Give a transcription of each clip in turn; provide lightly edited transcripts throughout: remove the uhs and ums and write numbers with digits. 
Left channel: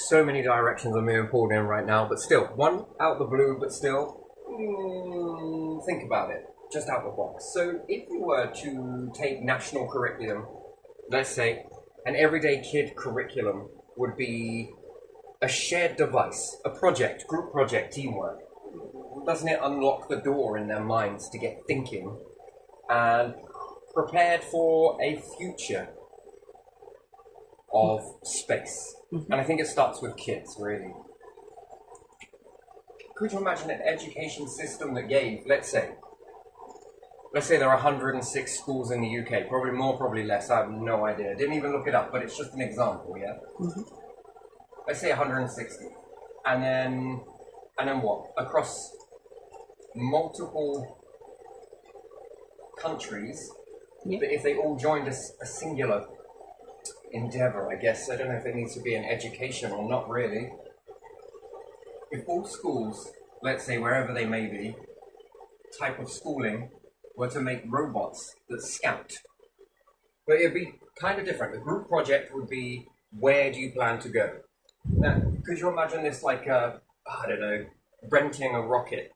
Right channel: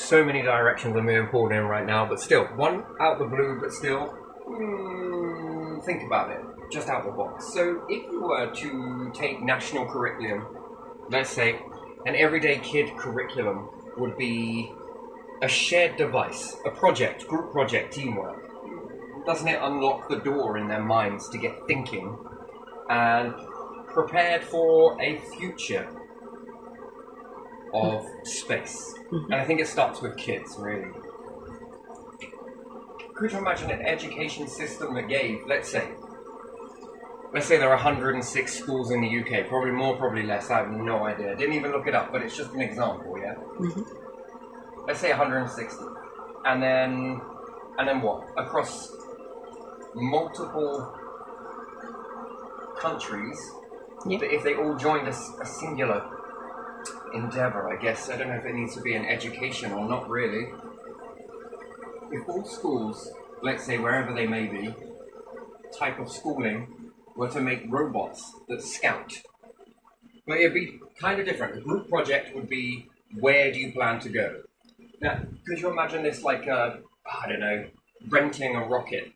so many directions I'm being pulled in right now, but still, one out the blue, but still, think about it, just out the box. So if you were to take national curriculum, let's say, an everyday kid curriculum would be a shared device, a project, group project, teamwork. Doesn't it unlock the door in their minds to get thinking and prepared for a future of space? And I think it starts with kids, really. Could you imagine an education system that gave, let's say there are 106 schools in the UK, probably more, probably less, I have no idea. Didn't even look it up, but it's just an example, yeah? Let's say 160. And then what? Across multiple countries, but if they all joined a singular endeavor, I guess. I don't know if it needs to be an education or not really. If all schools, let's say wherever they may be, type of schooling were to make robots that scout, but it'd be kind of different. The group project would be, where do you plan to go? Now, could you imagine this like I don't know, renting a rocket?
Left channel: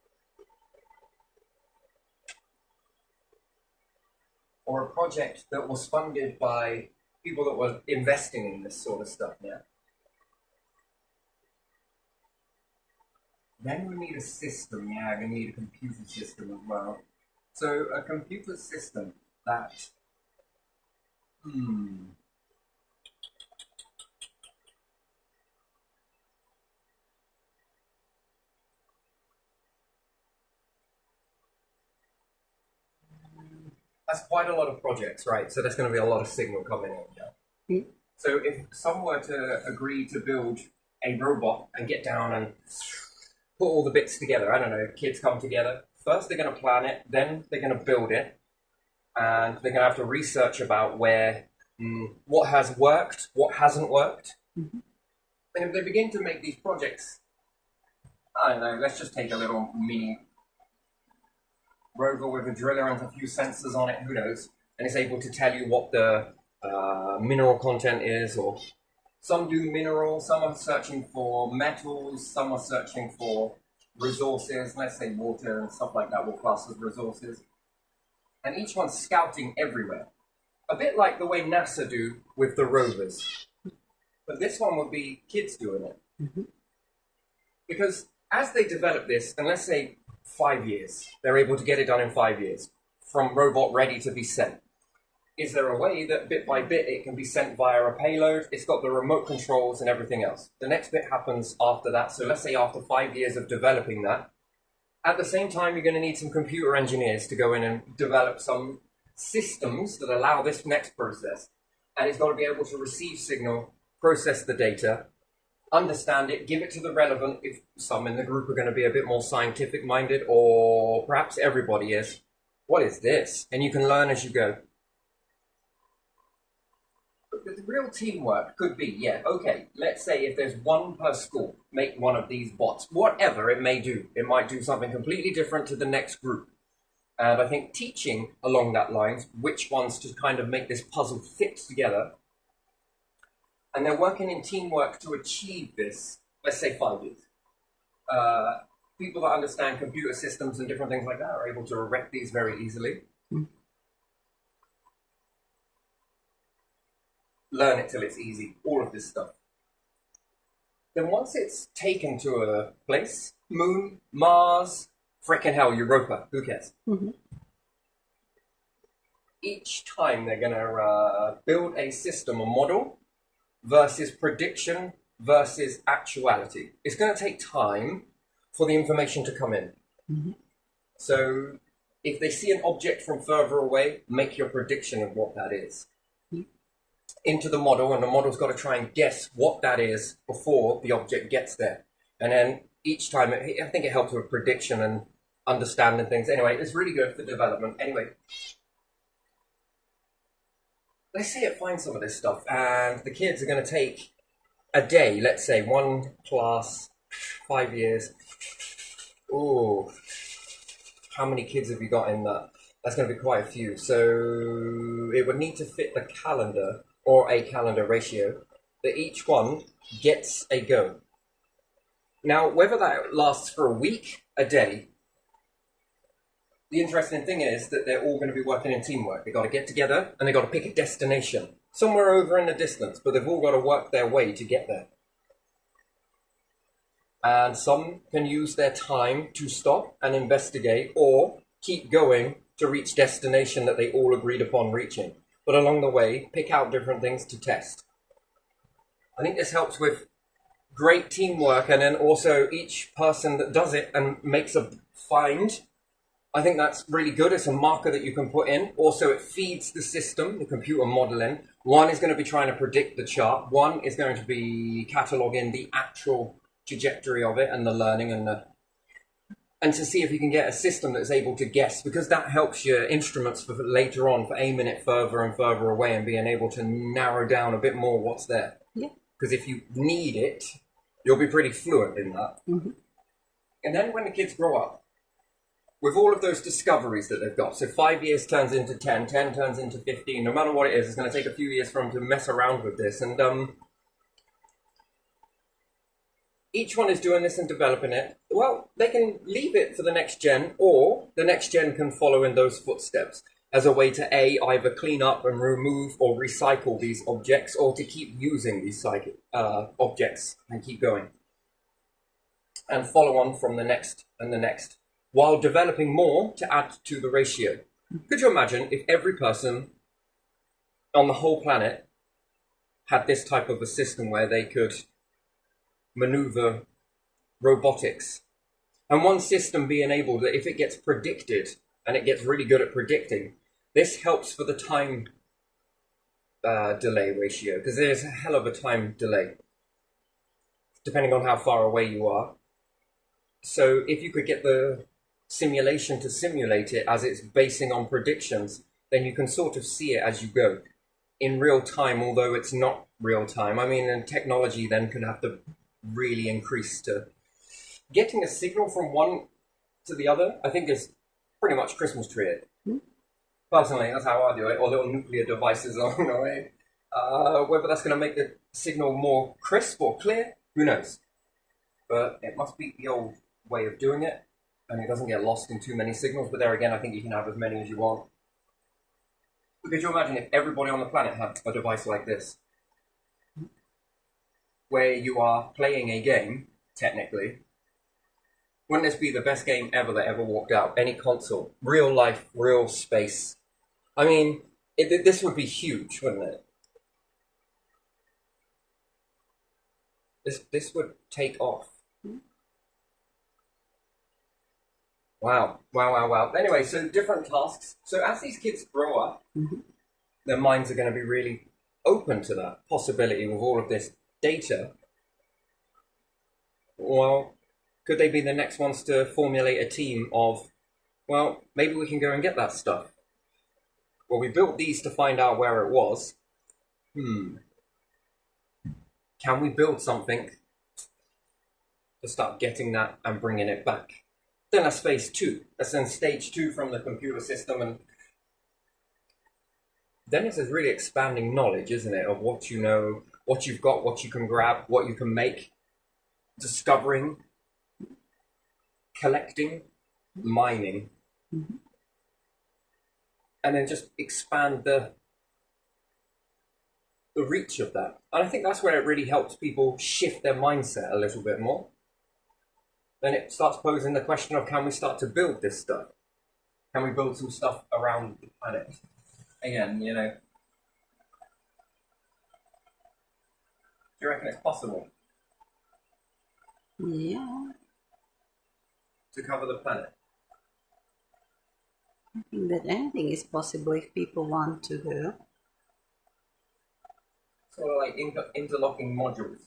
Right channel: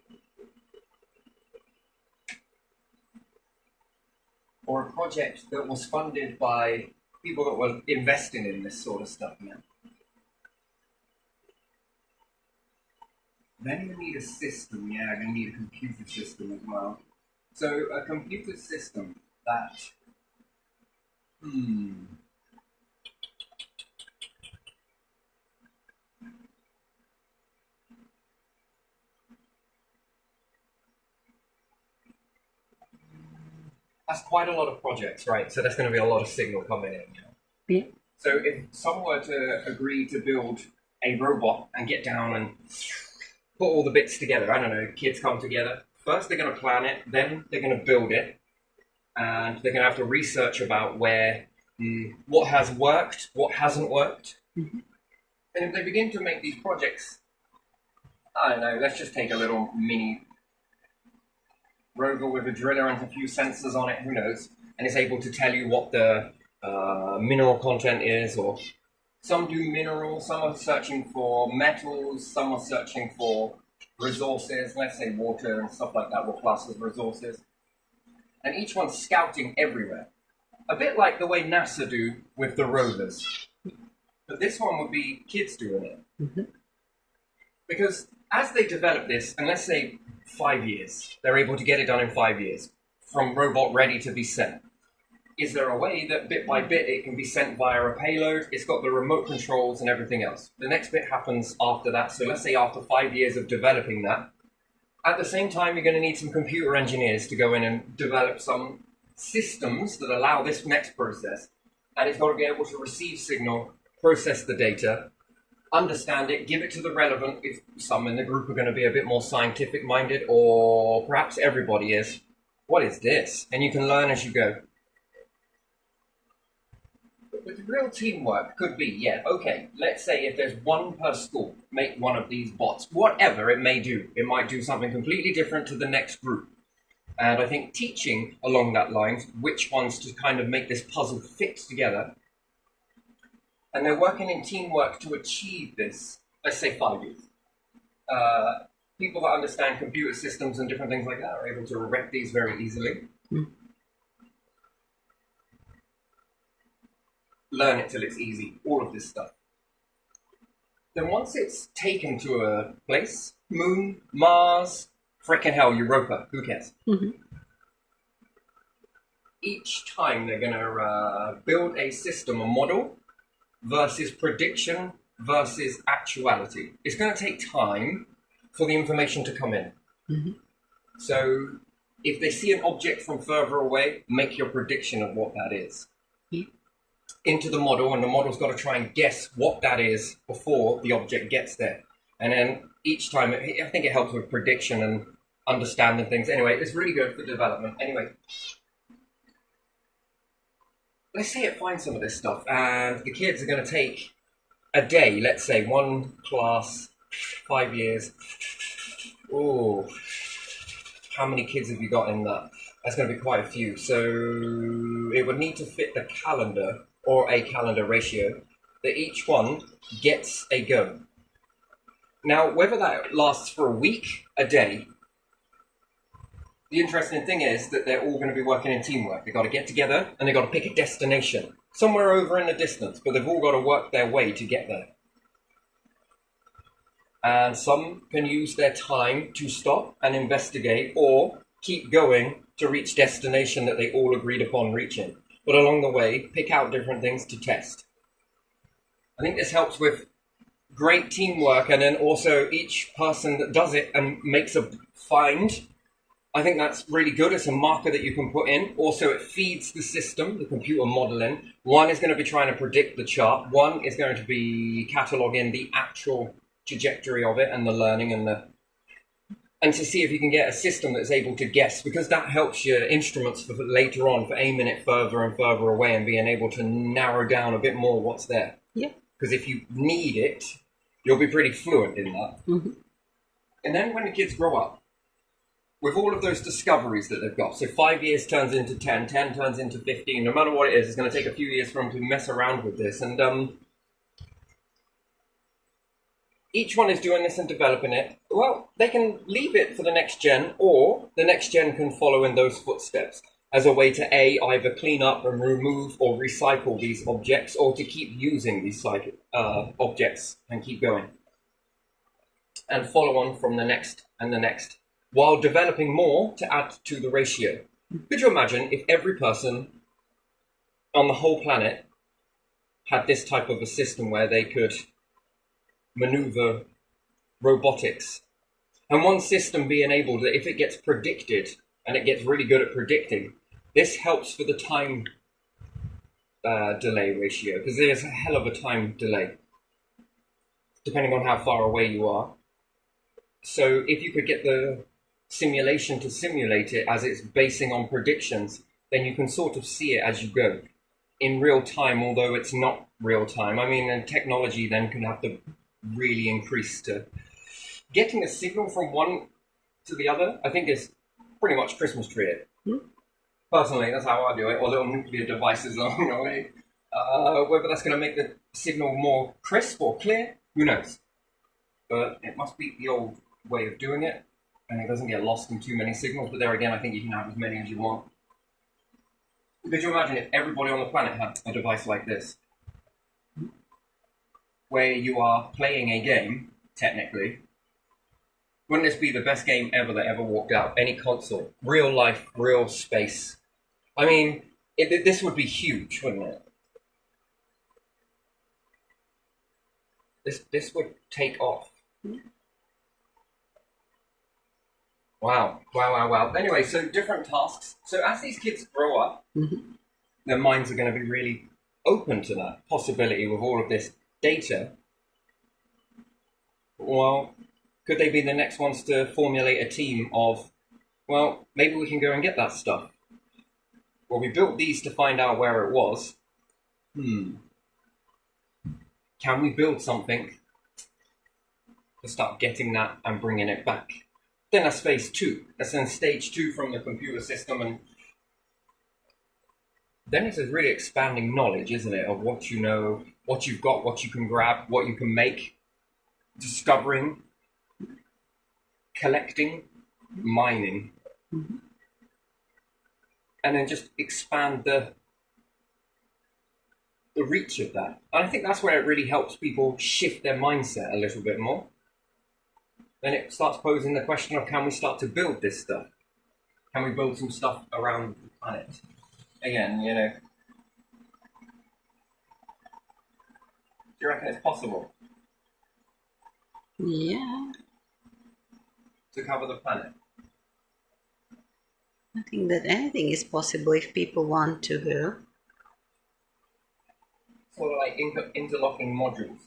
Or a project that was funded by people that were investing in this sort of stuff, yeah? Then you would need a system, yeah, you're going to need a computer system as well. So a computer system that, that's quite a lot of projects, right? So there's going to be a lot of signal coming in, yeah? So if someone were to agree to build a robot and get down and put all the bits together, I don't know, kids come together. First they're going to plan it, then they're going to build it, and they're going to have to research about where, what has worked, what hasn't worked. And if they begin to make these projects, I don't know, let's just take a little mini rover with a driller and a few sensors on it, who knows, and it's able to tell you what the mineral content is, or some do minerals, some are searching for metals, some are searching for resources, let's say water and stuff like that will class as resources. And each one's scouting everywhere. A bit like the way NASA do with the rovers. But this one would be kids doing it. Because as they develop this, and let's say 5 years, they're able to get it done in 5 years, from robot ready to be sent. Is there a way that bit by bit it can be sent via a payload? It's got the remote controls and everything else. The next bit happens after that. So let's say after 5 years of developing that, at the same time, you're going to need some computer engineers to go in and develop some systems that allow this next process. And it's got to be able to receive signal, process the data, understand it, give it to the relevant, if some in the group are going to be a bit more scientific minded, or perhaps everybody is. What is this? And you can learn as you go. But the real teamwork could be, yeah, okay, let's say if there's one per school, make one of these bots, whatever it may do. It might do something completely different to the next group. And I think teaching along that line, which ones to kind of make this puzzle fit together. And they're working in teamwork to achieve this, let's say 5 years. People that understand computer systems and different things like that are able to erect these very easily. Learn it till it's easy, all of this stuff. Then once it's taken to a place, Moon, Mars, frickin' hell, Europa, who cares? Each time they're gonna build a system, a model, versus prediction versus actuality. It's gonna take time for the information to come in. So if they see an object from further away, make your prediction of what that is. Into the model, and the model's got to try and guess what that is before the object gets there. And then each time, I think it helps with prediction and understanding things. Anyway, it's really good for development. Anyway, let's say it finds some of this stuff, and the kids are going to take a day, let's say, one class, 5 years. Ooh, how many kids have you got in that? That's going to be quite a few. So it would need to fit the calendar, or a calendar ratio, that each one gets a go. Now, whether that lasts for a week, a day, the interesting thing is that they're all going to be working in teamwork. They've got to get together and they've got to pick a destination somewhere over in the distance, but they've all got to work their way to get there. And some can use their time to stop and investigate or keep going to reach destination that they all agreed upon reaching. But along the way, pick out different things to test. I think this helps with great teamwork, and then also each person that does it and makes a find, I think that's really good. It's a marker that you can put in. Also, it feeds the system, the computer modeling. One is going to be trying to predict the chart. One is going to be cataloging the actual trajectory of it and the learning and to see if you can get a system that's able to guess, because that helps your instruments for later on for aiming it further and further away and being able to narrow down a bit more what's there. Yeah. Because if you need it, you'll be pretty fluent in that. Mm-hmm. And then when the kids grow up, with all of those discoveries that they've got, so 5 years turns into 10, 10 turns into 15, no matter what it is, it's going to take a few years for them to mess around with this. And each one is doing this and developing it. Well, they can leave it for the next gen, or the next gen can follow in those footsteps as a way to either clean up and remove or recycle these objects, or to keep using these objects and keep going. And follow on from the next and the next, while developing more to add to the ratio. Could you imagine if every person on the whole planet had this type of a system where they could maneuver robotics, and one system being able that if it gets predicted and it gets really good at predicting, this helps for the time delay ratio, because there's a hell of a time delay depending on how far away you are. So if you could get the simulation to simulate it as it's basing on predictions, then you can sort of see it as you go in real time, although it's not real time. I mean, and technology then can have to really increase to getting a signal from one to the other. I think is pretty much Christmas tree it. Personally, that's how I do it, or little nuclear devices along the way. Whether that's going to make the signal more crisp or clear, who knows? But it must be the old way of doing it, and it doesn't get lost in too many signals. But there again, I think you can have as many as you want. But could you imagine if everybody on the planet had a device like this, where you are playing a game, technically? Wouldn't this be the best game ever that ever walked out? Any console, real life, real space. I mean, this would be huge, wouldn't it? This would take off. Wow. Anyway, so different tasks. So as these kids grow up, their minds are going to be really open to that possibility with all of this data. Well, could they be the next ones to formulate a team of, well, maybe we can go and get that stuff. Well, we built these to find out where it was. Can we build something to start getting that and bringing it back? Then that's phase 2. That's then stage 2 from the computer system. And then it's a really expanding knowledge, isn't it, of what you know, what you've got, what you can grab, what you can make, discovering, collecting, mining. And then just expand the reach of that. And I think that's where it really helps people shift their mindset a little bit more. Then it starts posing the question of, can we start to build this stuff? Can we build some stuff around the planet? Again, you know, do you reckon it's possible? Yeah. To cover the planet? I think that anything is possible if people want to go. Sort of like interlocking modules.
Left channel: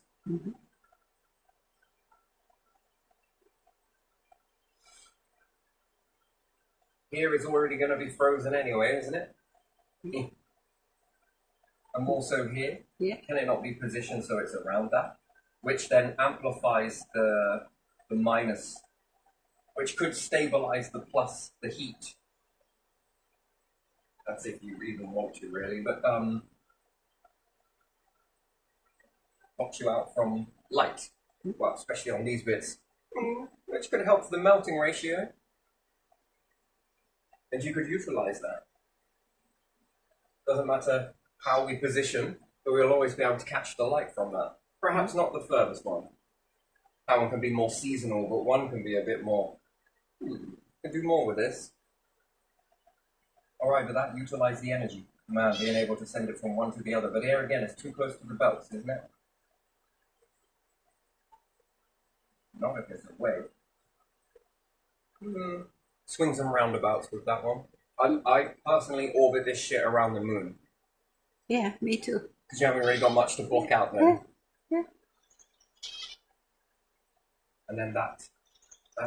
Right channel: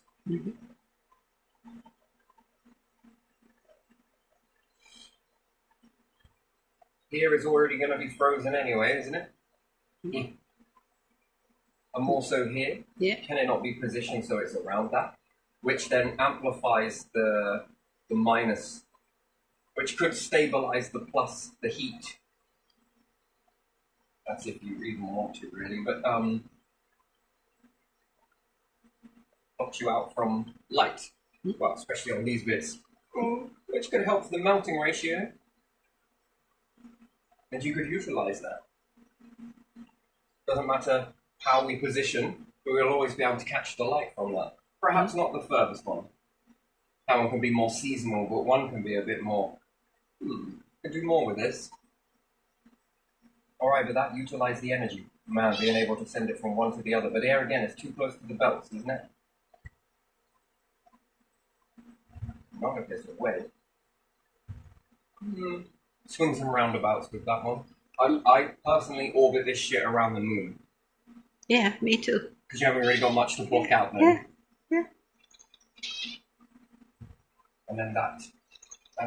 Here is already going to be frozen anyway, isn't it? And also here, can it not be positioned so it's around that? Which then amplifies the minus, which could stabilize the plus, the heat. That's if you even want to, really. But blocks you out from light. Well, especially on these bits, which could help the melting ratio. And you could utilize that. Doesn't matter how we position, but we'll always be able to catch the light from that. Perhaps not the furthest one. That one can be more seasonal, but one can be a bit more, can do more with this. Alright, but that utilize the energy. Man, being able to send it from one to the other. But here again, it's too close to the belts, isn't it? Not if there's a way. Swings and roundabouts with that one. I personally orbit this shit around the moon. Yeah, me too. Because you haven't really got much to block out then. Yeah. And then that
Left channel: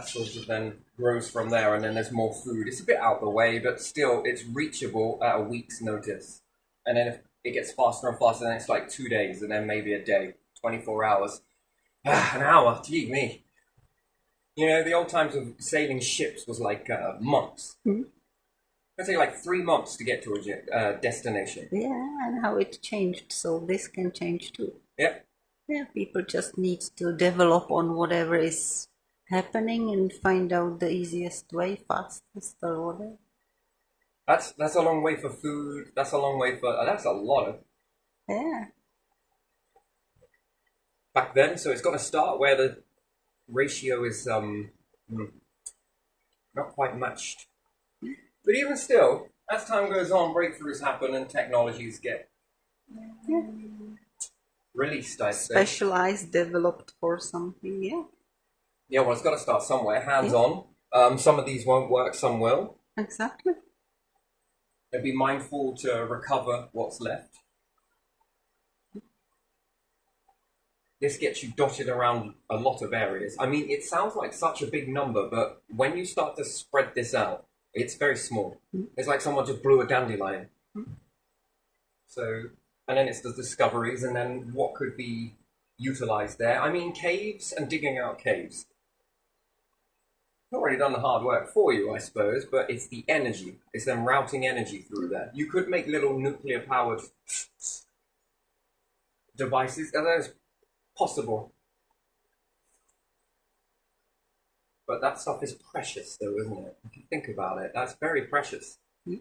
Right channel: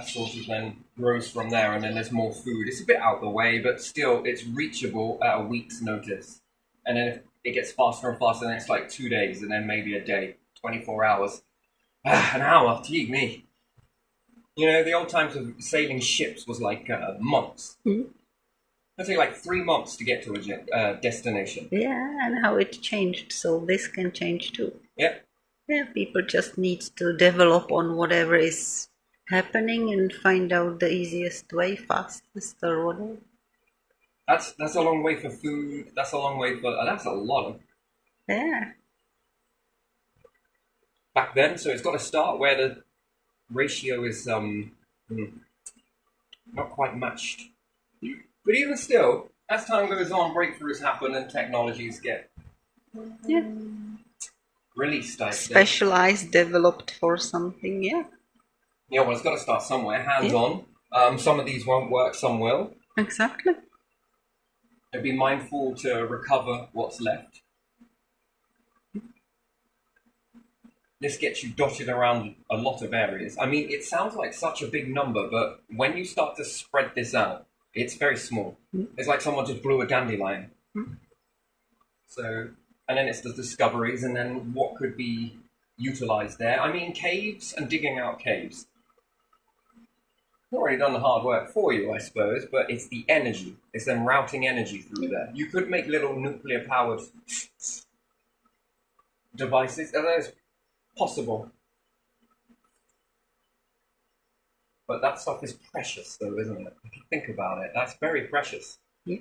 sort of then grows from there, and then there's more food. It's a bit out of the way, but still it's reachable at a week's notice. And then if it gets faster and faster, then it's like 2 days, and then maybe a day, 24 hours. An hour, gee me. You know, the old times of sailing ships was like months. It'd take like 3 months to get to a destination. Yeah, and how it changed, so this can change too. Yeah. Yeah, people just need to develop on whatever is happening and find out the easiest way, fastest or whatever. That's a long way for food. That's a long way for... that's a lot of... Yeah. Back then, so it's got to start where the ratio is not quite matched. But even still, as time goes on, breakthroughs happen and technologies get released, I think. Specialized, developed for something, yeah. Yeah, well, it's got to start somewhere, hands-on. Some of these won't work, some will. Exactly. And be mindful to recover what's left. This gets you dotted around a lot of areas. I mean, it sounds like such a big number, but when you start to spread this out, it's very small. It's like someone just blew a dandelion. So, and then it's the discoveries, and then what could be utilized there. I mean, caves and digging out caves. I've already done the hard work for you, I suppose, but it's the energy. It's them routing energy through there. You could make little nuclear-powered devices. That is possible. But that stuff is precious, though, isn't it? If you think about it, that's very precious. Yeah.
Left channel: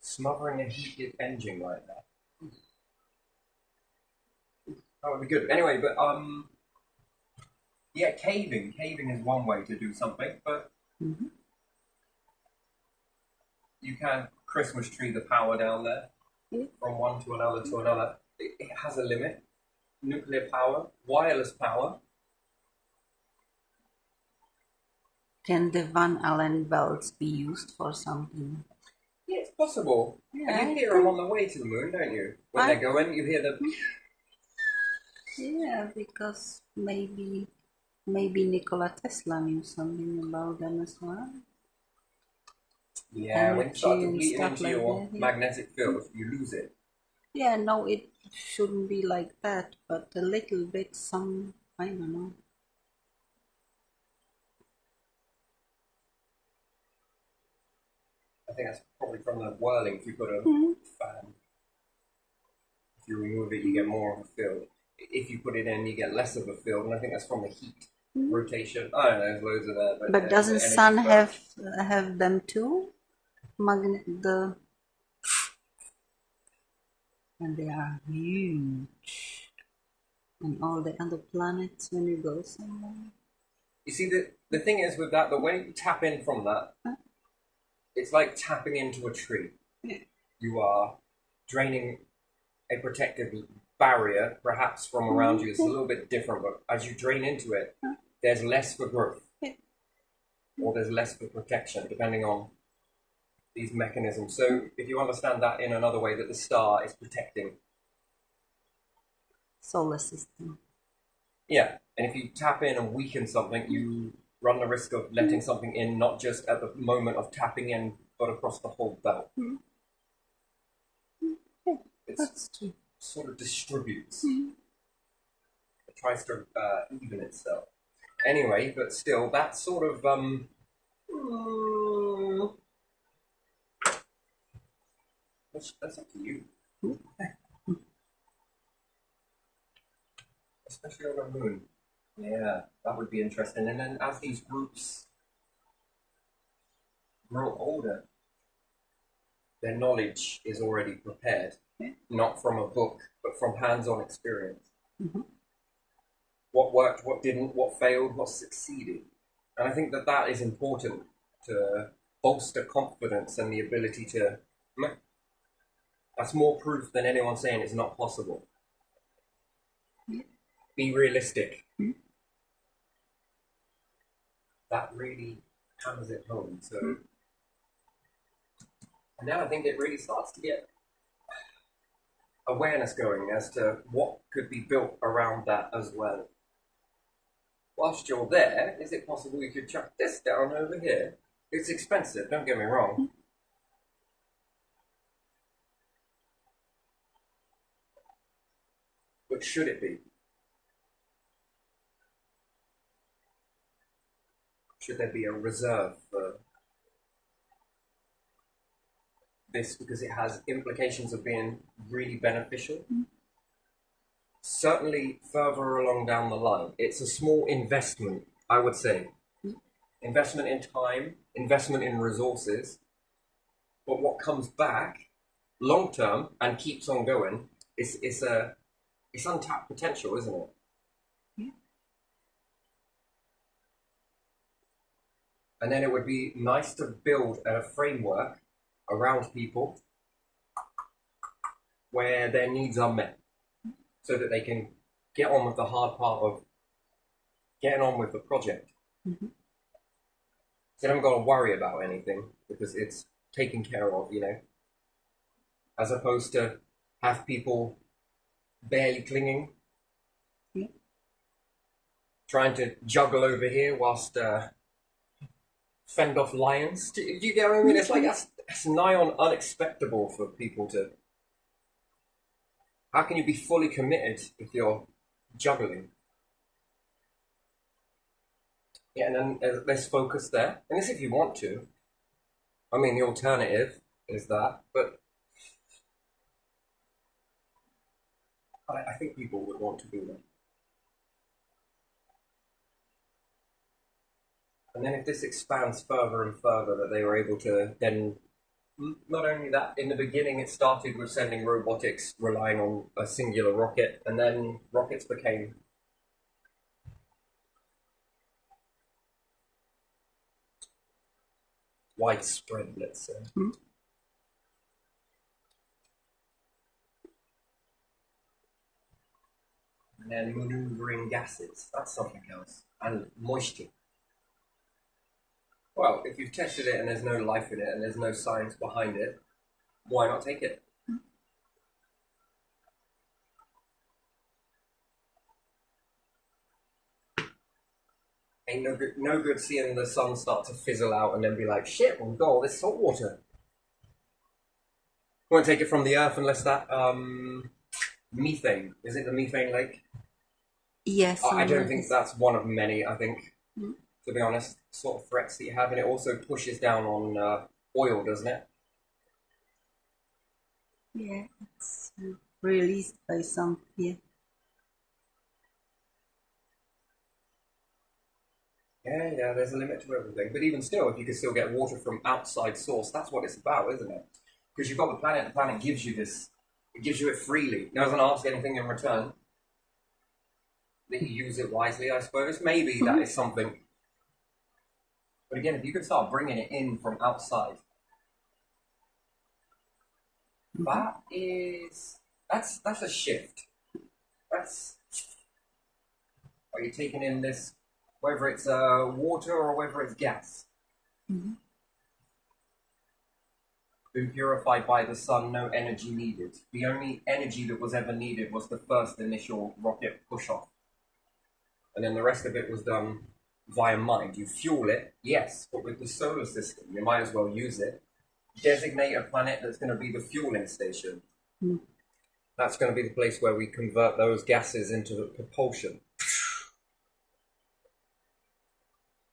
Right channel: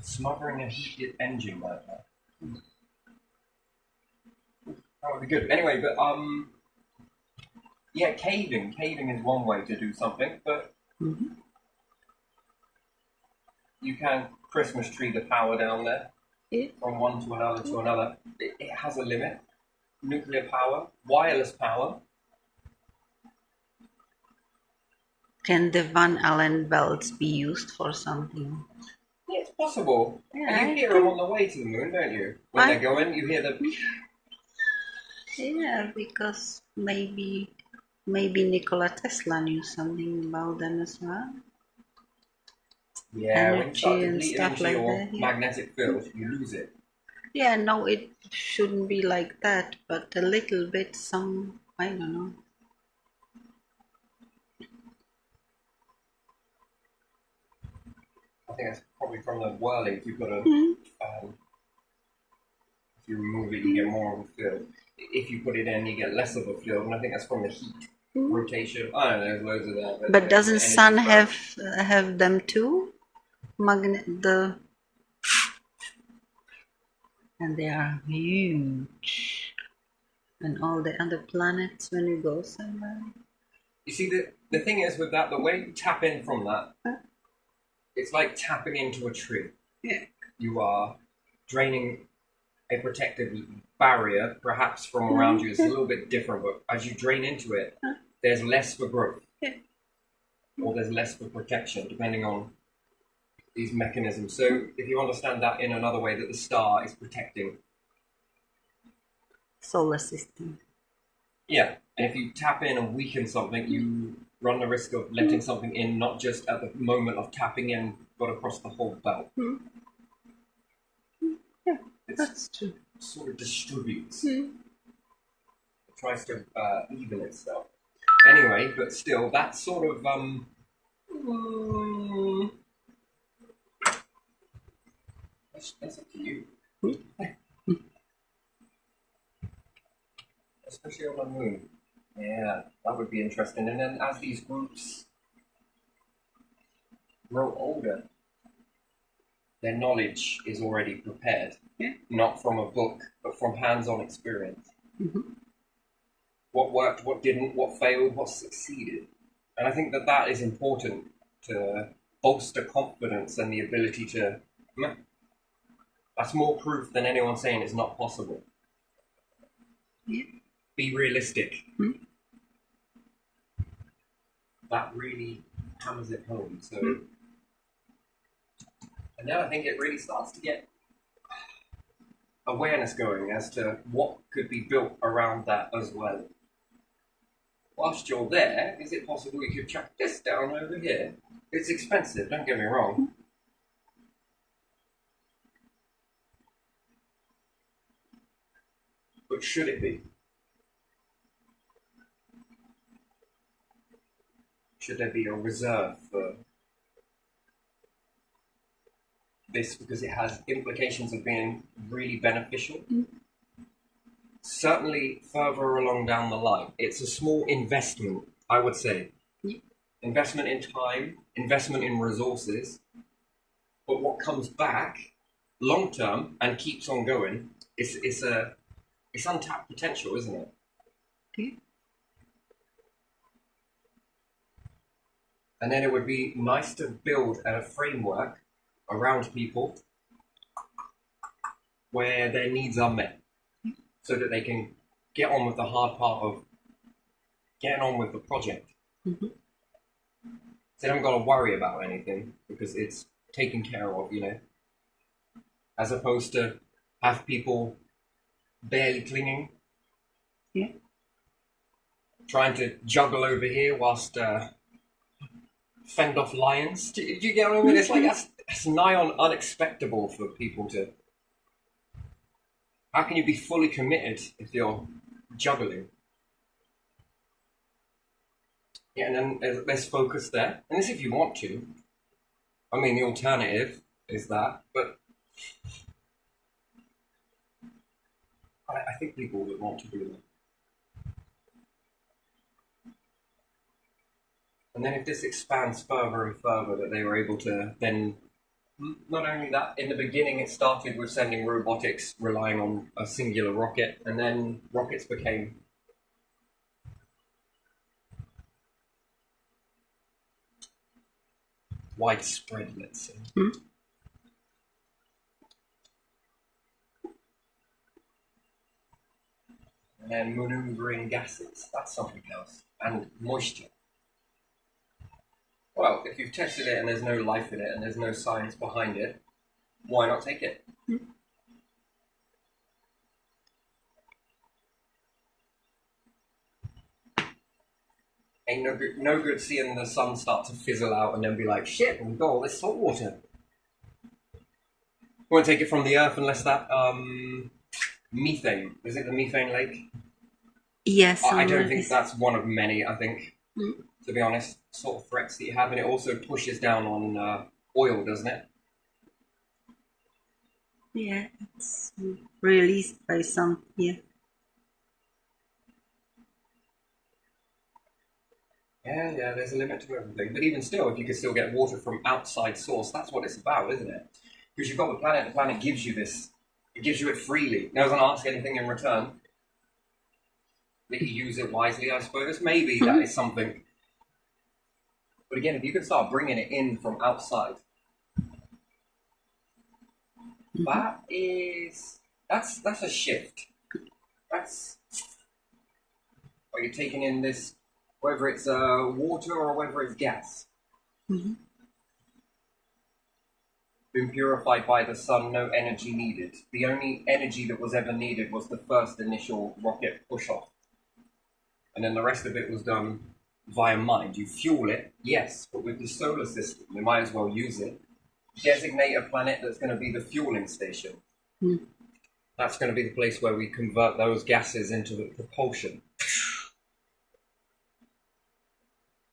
Smothering a heated engine like that. That would be good. Anyway, but yeah, caving. Caving is one way to do something, but you can Christmas tree the power down there from one to another to another. It has a limit. Nuclear power, wireless power. Can the Van Allen belts be used for something? Yeah, it's possible. Yeah, and you hear them on the way to the moon, don't you? When they're going, you hear the... Yeah, because maybe Nikola Tesla knew something about them as well. Yeah, when you start and depleting stuff into like your that. Yeah. magnetic field, you lose it. Yeah, no, it shouldn't be like that, but a little bit, I don't know. I think that's probably from the whirling. If you've got a fan, if you remove it, you get more of a field. If you put it in, you get less of a field, and I think that's from the heat rotation. I don't know, there's loads of that. But doesn't sun have them too? And they are huge. And all the other planets when you go somewhere. You see, the thing is with that, the way you tap in from that, it's like tapping into a tree. Yeah. You are draining a protective barrier, perhaps from around you. It's a little bit different, but as you drain into it, there's less for growth. Yeah. Or there's less for protection, depending on these mechanisms. So if you understand that in another way, that the star is protecting. Solar system. Yeah, and if you tap in and weaken something, you run the risk of letting something in, not just at the moment of tapping in, but across the whole belt. Yeah, that's true. It sort of distributes. It tries to even itself. Anyway, but still, that's sort of that's up to you. Especially on the moon. Yeah, that would be interesting. And then as these groups grow older, their knowledge is already prepared. Yeah. Not from a book, but from hands-on experience. Mm-hmm. What worked, what didn't, what failed, what succeeded. And I think that that is important to bolster confidence and the ability to... That's more proof than anyone saying it's not possible. Yeah. Be realistic. Mm-hmm. That really hammers it home. So, and then I think it really starts to get awareness going as to what could be built around that as well. Whilst you're there, is it possible you could chuck this down over here? It's expensive, don't get me wrong. But should it be? Should there be a reserve for this because it has implications of being really beneficial? Certainly further along down the line. It's a small investment, I would say. Yeah. Investment in time, investment in resources. But what comes back long term and keeps on going, it's untapped potential, isn't it? Yeah. And then it would be nice to build a framework around people where their needs are met so that they can get on with the hard part of getting on with the project. Mm-hmm. So they haven't got to worry about anything because it's taken care of, you know, as opposed to have people barely clinging. Yeah. Trying to juggle over here whilst fend off lions. Do you get what I mean? It's like that's nigh on unexpectable for people to... How can you be fully committed if you're juggling? Yeah, and then let's focus there. And this if you want to. I mean, the alternative is that, but I think people would want to do that. And then if this expands further and further, that they were able to then, not only that, in the beginning it started with sending robotics relying on a singular rocket, and then rockets became widespread, let's say. Mm-hmm. And then maneuvering gases, that's something else. And moisture. Well, if you've tested it and there's no life in it and there's no science behind it, why not take it? Mm-hmm. Ain't no good seeing the sun start to fizzle out and then be like, shit, we've got all this salt water. We won't take it from the earth unless that methane, is it the methane lake? Yes. I don't think that's one of many, I think, Mm-hmm. to be honest, sort of threats that you have. And it also pushes down on oil, doesn't it? Yeah, it's released by some, yeah. Yeah, there's a limit to everything. But even still, if you could still get water from outside source, that's what it's about, isn't it? Because you've got the planet gives you this. It gives you it freely. It doesn't ask anything in return. That you use it wisely, I suppose. Maybe that is something. But again, if you can start bringing it in from outside, that's a shift. That's... Are you taking in this... whether it's water or whether it's gas. Mm-hmm. Been purified by the sun, no energy needed. The only energy that was ever needed was the first initial rocket push-off. And then the rest of it was done via mind. You fuel it, yes, but with the solar system, you might as well use it. Designate a planet that's going to be the fueling station. Mm. That's going to be the place where we convert those gases into the propulsion.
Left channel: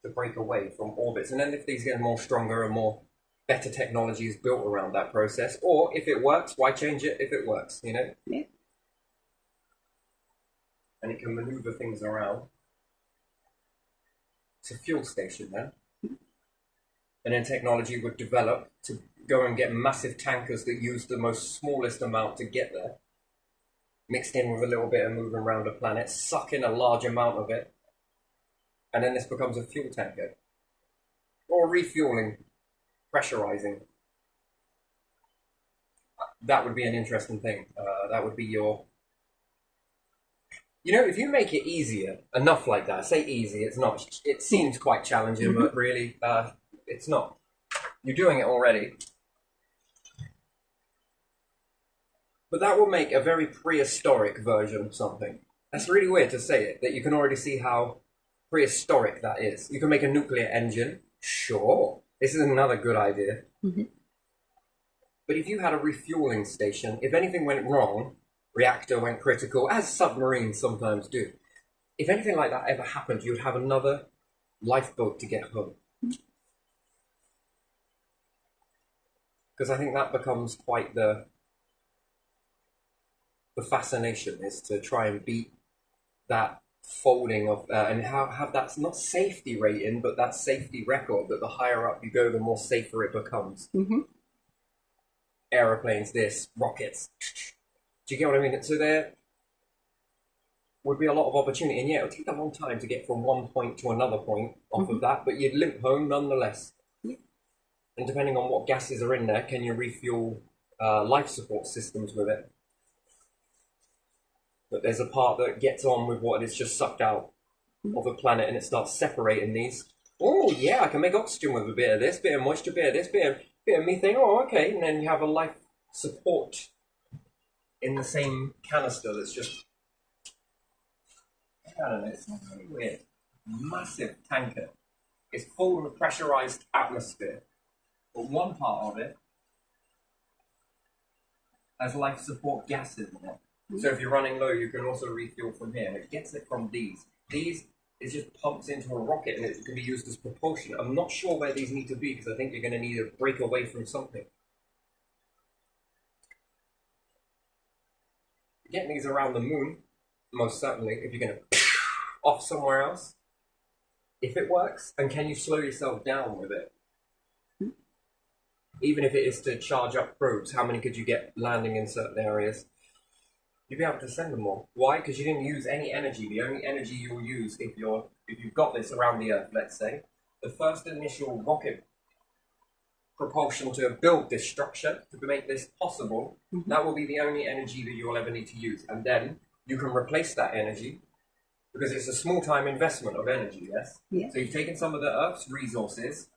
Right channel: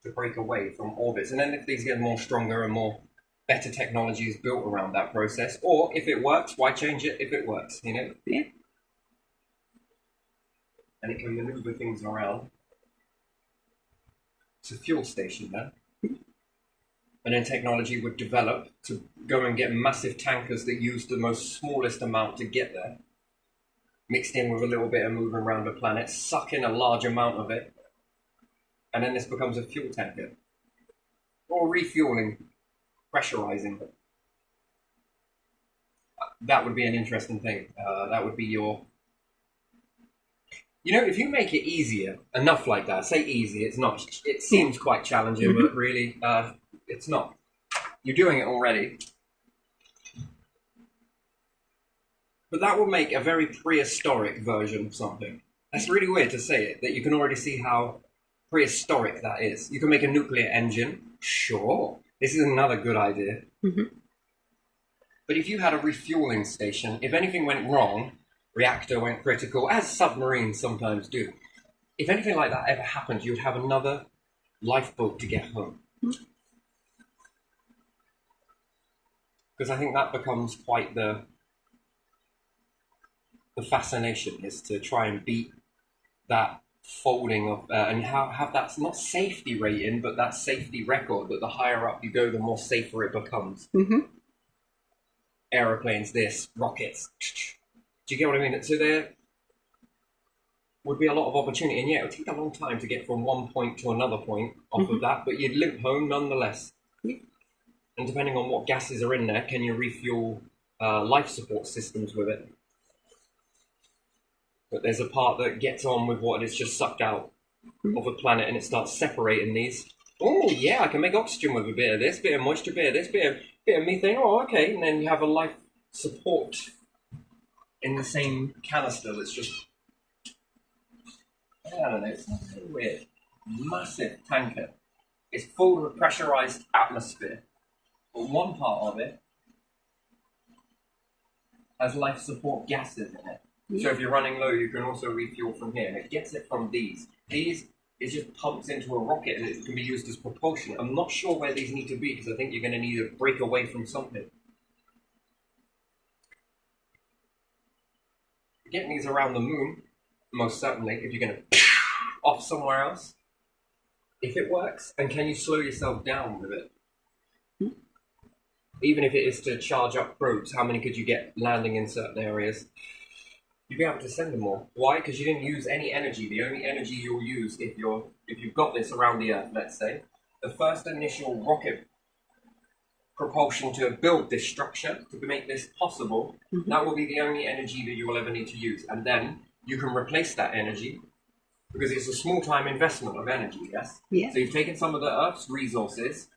To break away from orbits. And then if these get more stronger and more better technology is built around that process. Or if it works, why change it if it works, you know? Yeah. And it can maneuver things around. It's a fuel station then. And then technology would develop to go and get massive tankers that use the most smallest amount to get there, mixed in with a little bit of moving around the planet, suck in a large amount of it, and then this becomes a fuel tanker. Or refueling, pressurizing. That would be an interesting thing. That would be your... You know, if you make it easier, enough like that, say easy, it's not, it seems quite challenging, but really, it's not. You're doing it already. But that will make a very prehistoric version of something. That's really weird to say it, that you can already see how prehistoric that is. You can make a nuclear engine, sure. This is another good idea. But if you had a refueling station, if anything went wrong, reactor went critical, as submarines sometimes do. If anything like that ever happened, you would have another lifeboat to get home. Because I think that becomes quite the fascination, is to try and beat that folding of, and have that, not safety rating, but that safety record, that the higher up you go, the more safer it becomes. Aeroplanes, this, rockets. Do you get what I mean? So there would be a lot of opportunity, and yeah, it would take a long time to get from one point to another point off of that, but you'd limp home nonetheless. And depending on what gases are in there, can you refuel life support systems with it? But there's a part that gets on with what is just sucked out of a planet, and it starts separating these. Oh yeah, I can make oxygen with a bit of this, bit of moisture, bit of this, bit of methane. Oh, okay, and then you have a life support in the same canister that's just, I don't know, it's not very weird. Massive tanker. It's full of a pressurized atmosphere, but one part of it has life support gases in it. So if you're running low, you can also refuel from here, and it gets it from these. These, it just pumps into a rocket, and it can be used as propulsion. I'm not sure where these need to be, because I think you're going to need to break away from something. Getting these around the moon, most certainly, if you're going to off somewhere else, if it works, and can you slow yourself down with it? Even if it is to charge up probes, how many could you get landing in certain areas? You'd be able to send them more. Why? Because you didn't use any energy. The only energy you'll use if you've got this around the Earth, let's say, the first initial rocket propulsion to build this structure, to make this possible, that will be the only energy that you will ever need to use. And then you can replace that energy, because it's a small time investment of energy, yes? Yeah. So you've taken some of the Earth's resources,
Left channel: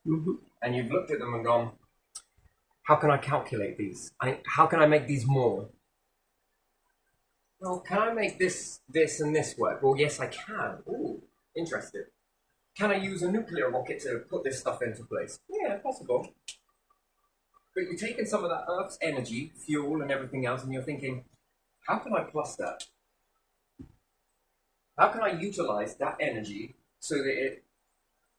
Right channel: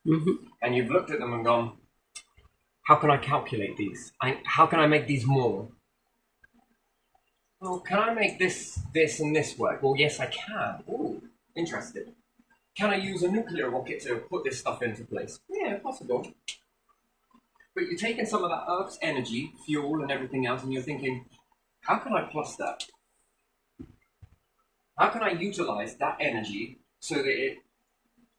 and you've looked at them and gone, how can I calculate these? How can I make these more? Well, can I make this, and this work? Well, yes, I can. Ooh, interested. Can I use a nuclear rocket to put this stuff into place? Yeah, possible. But you're taking some of that Earth's energy, fuel, and everything else, and you're thinking, how can I plus that? How can I utilize that energy so that it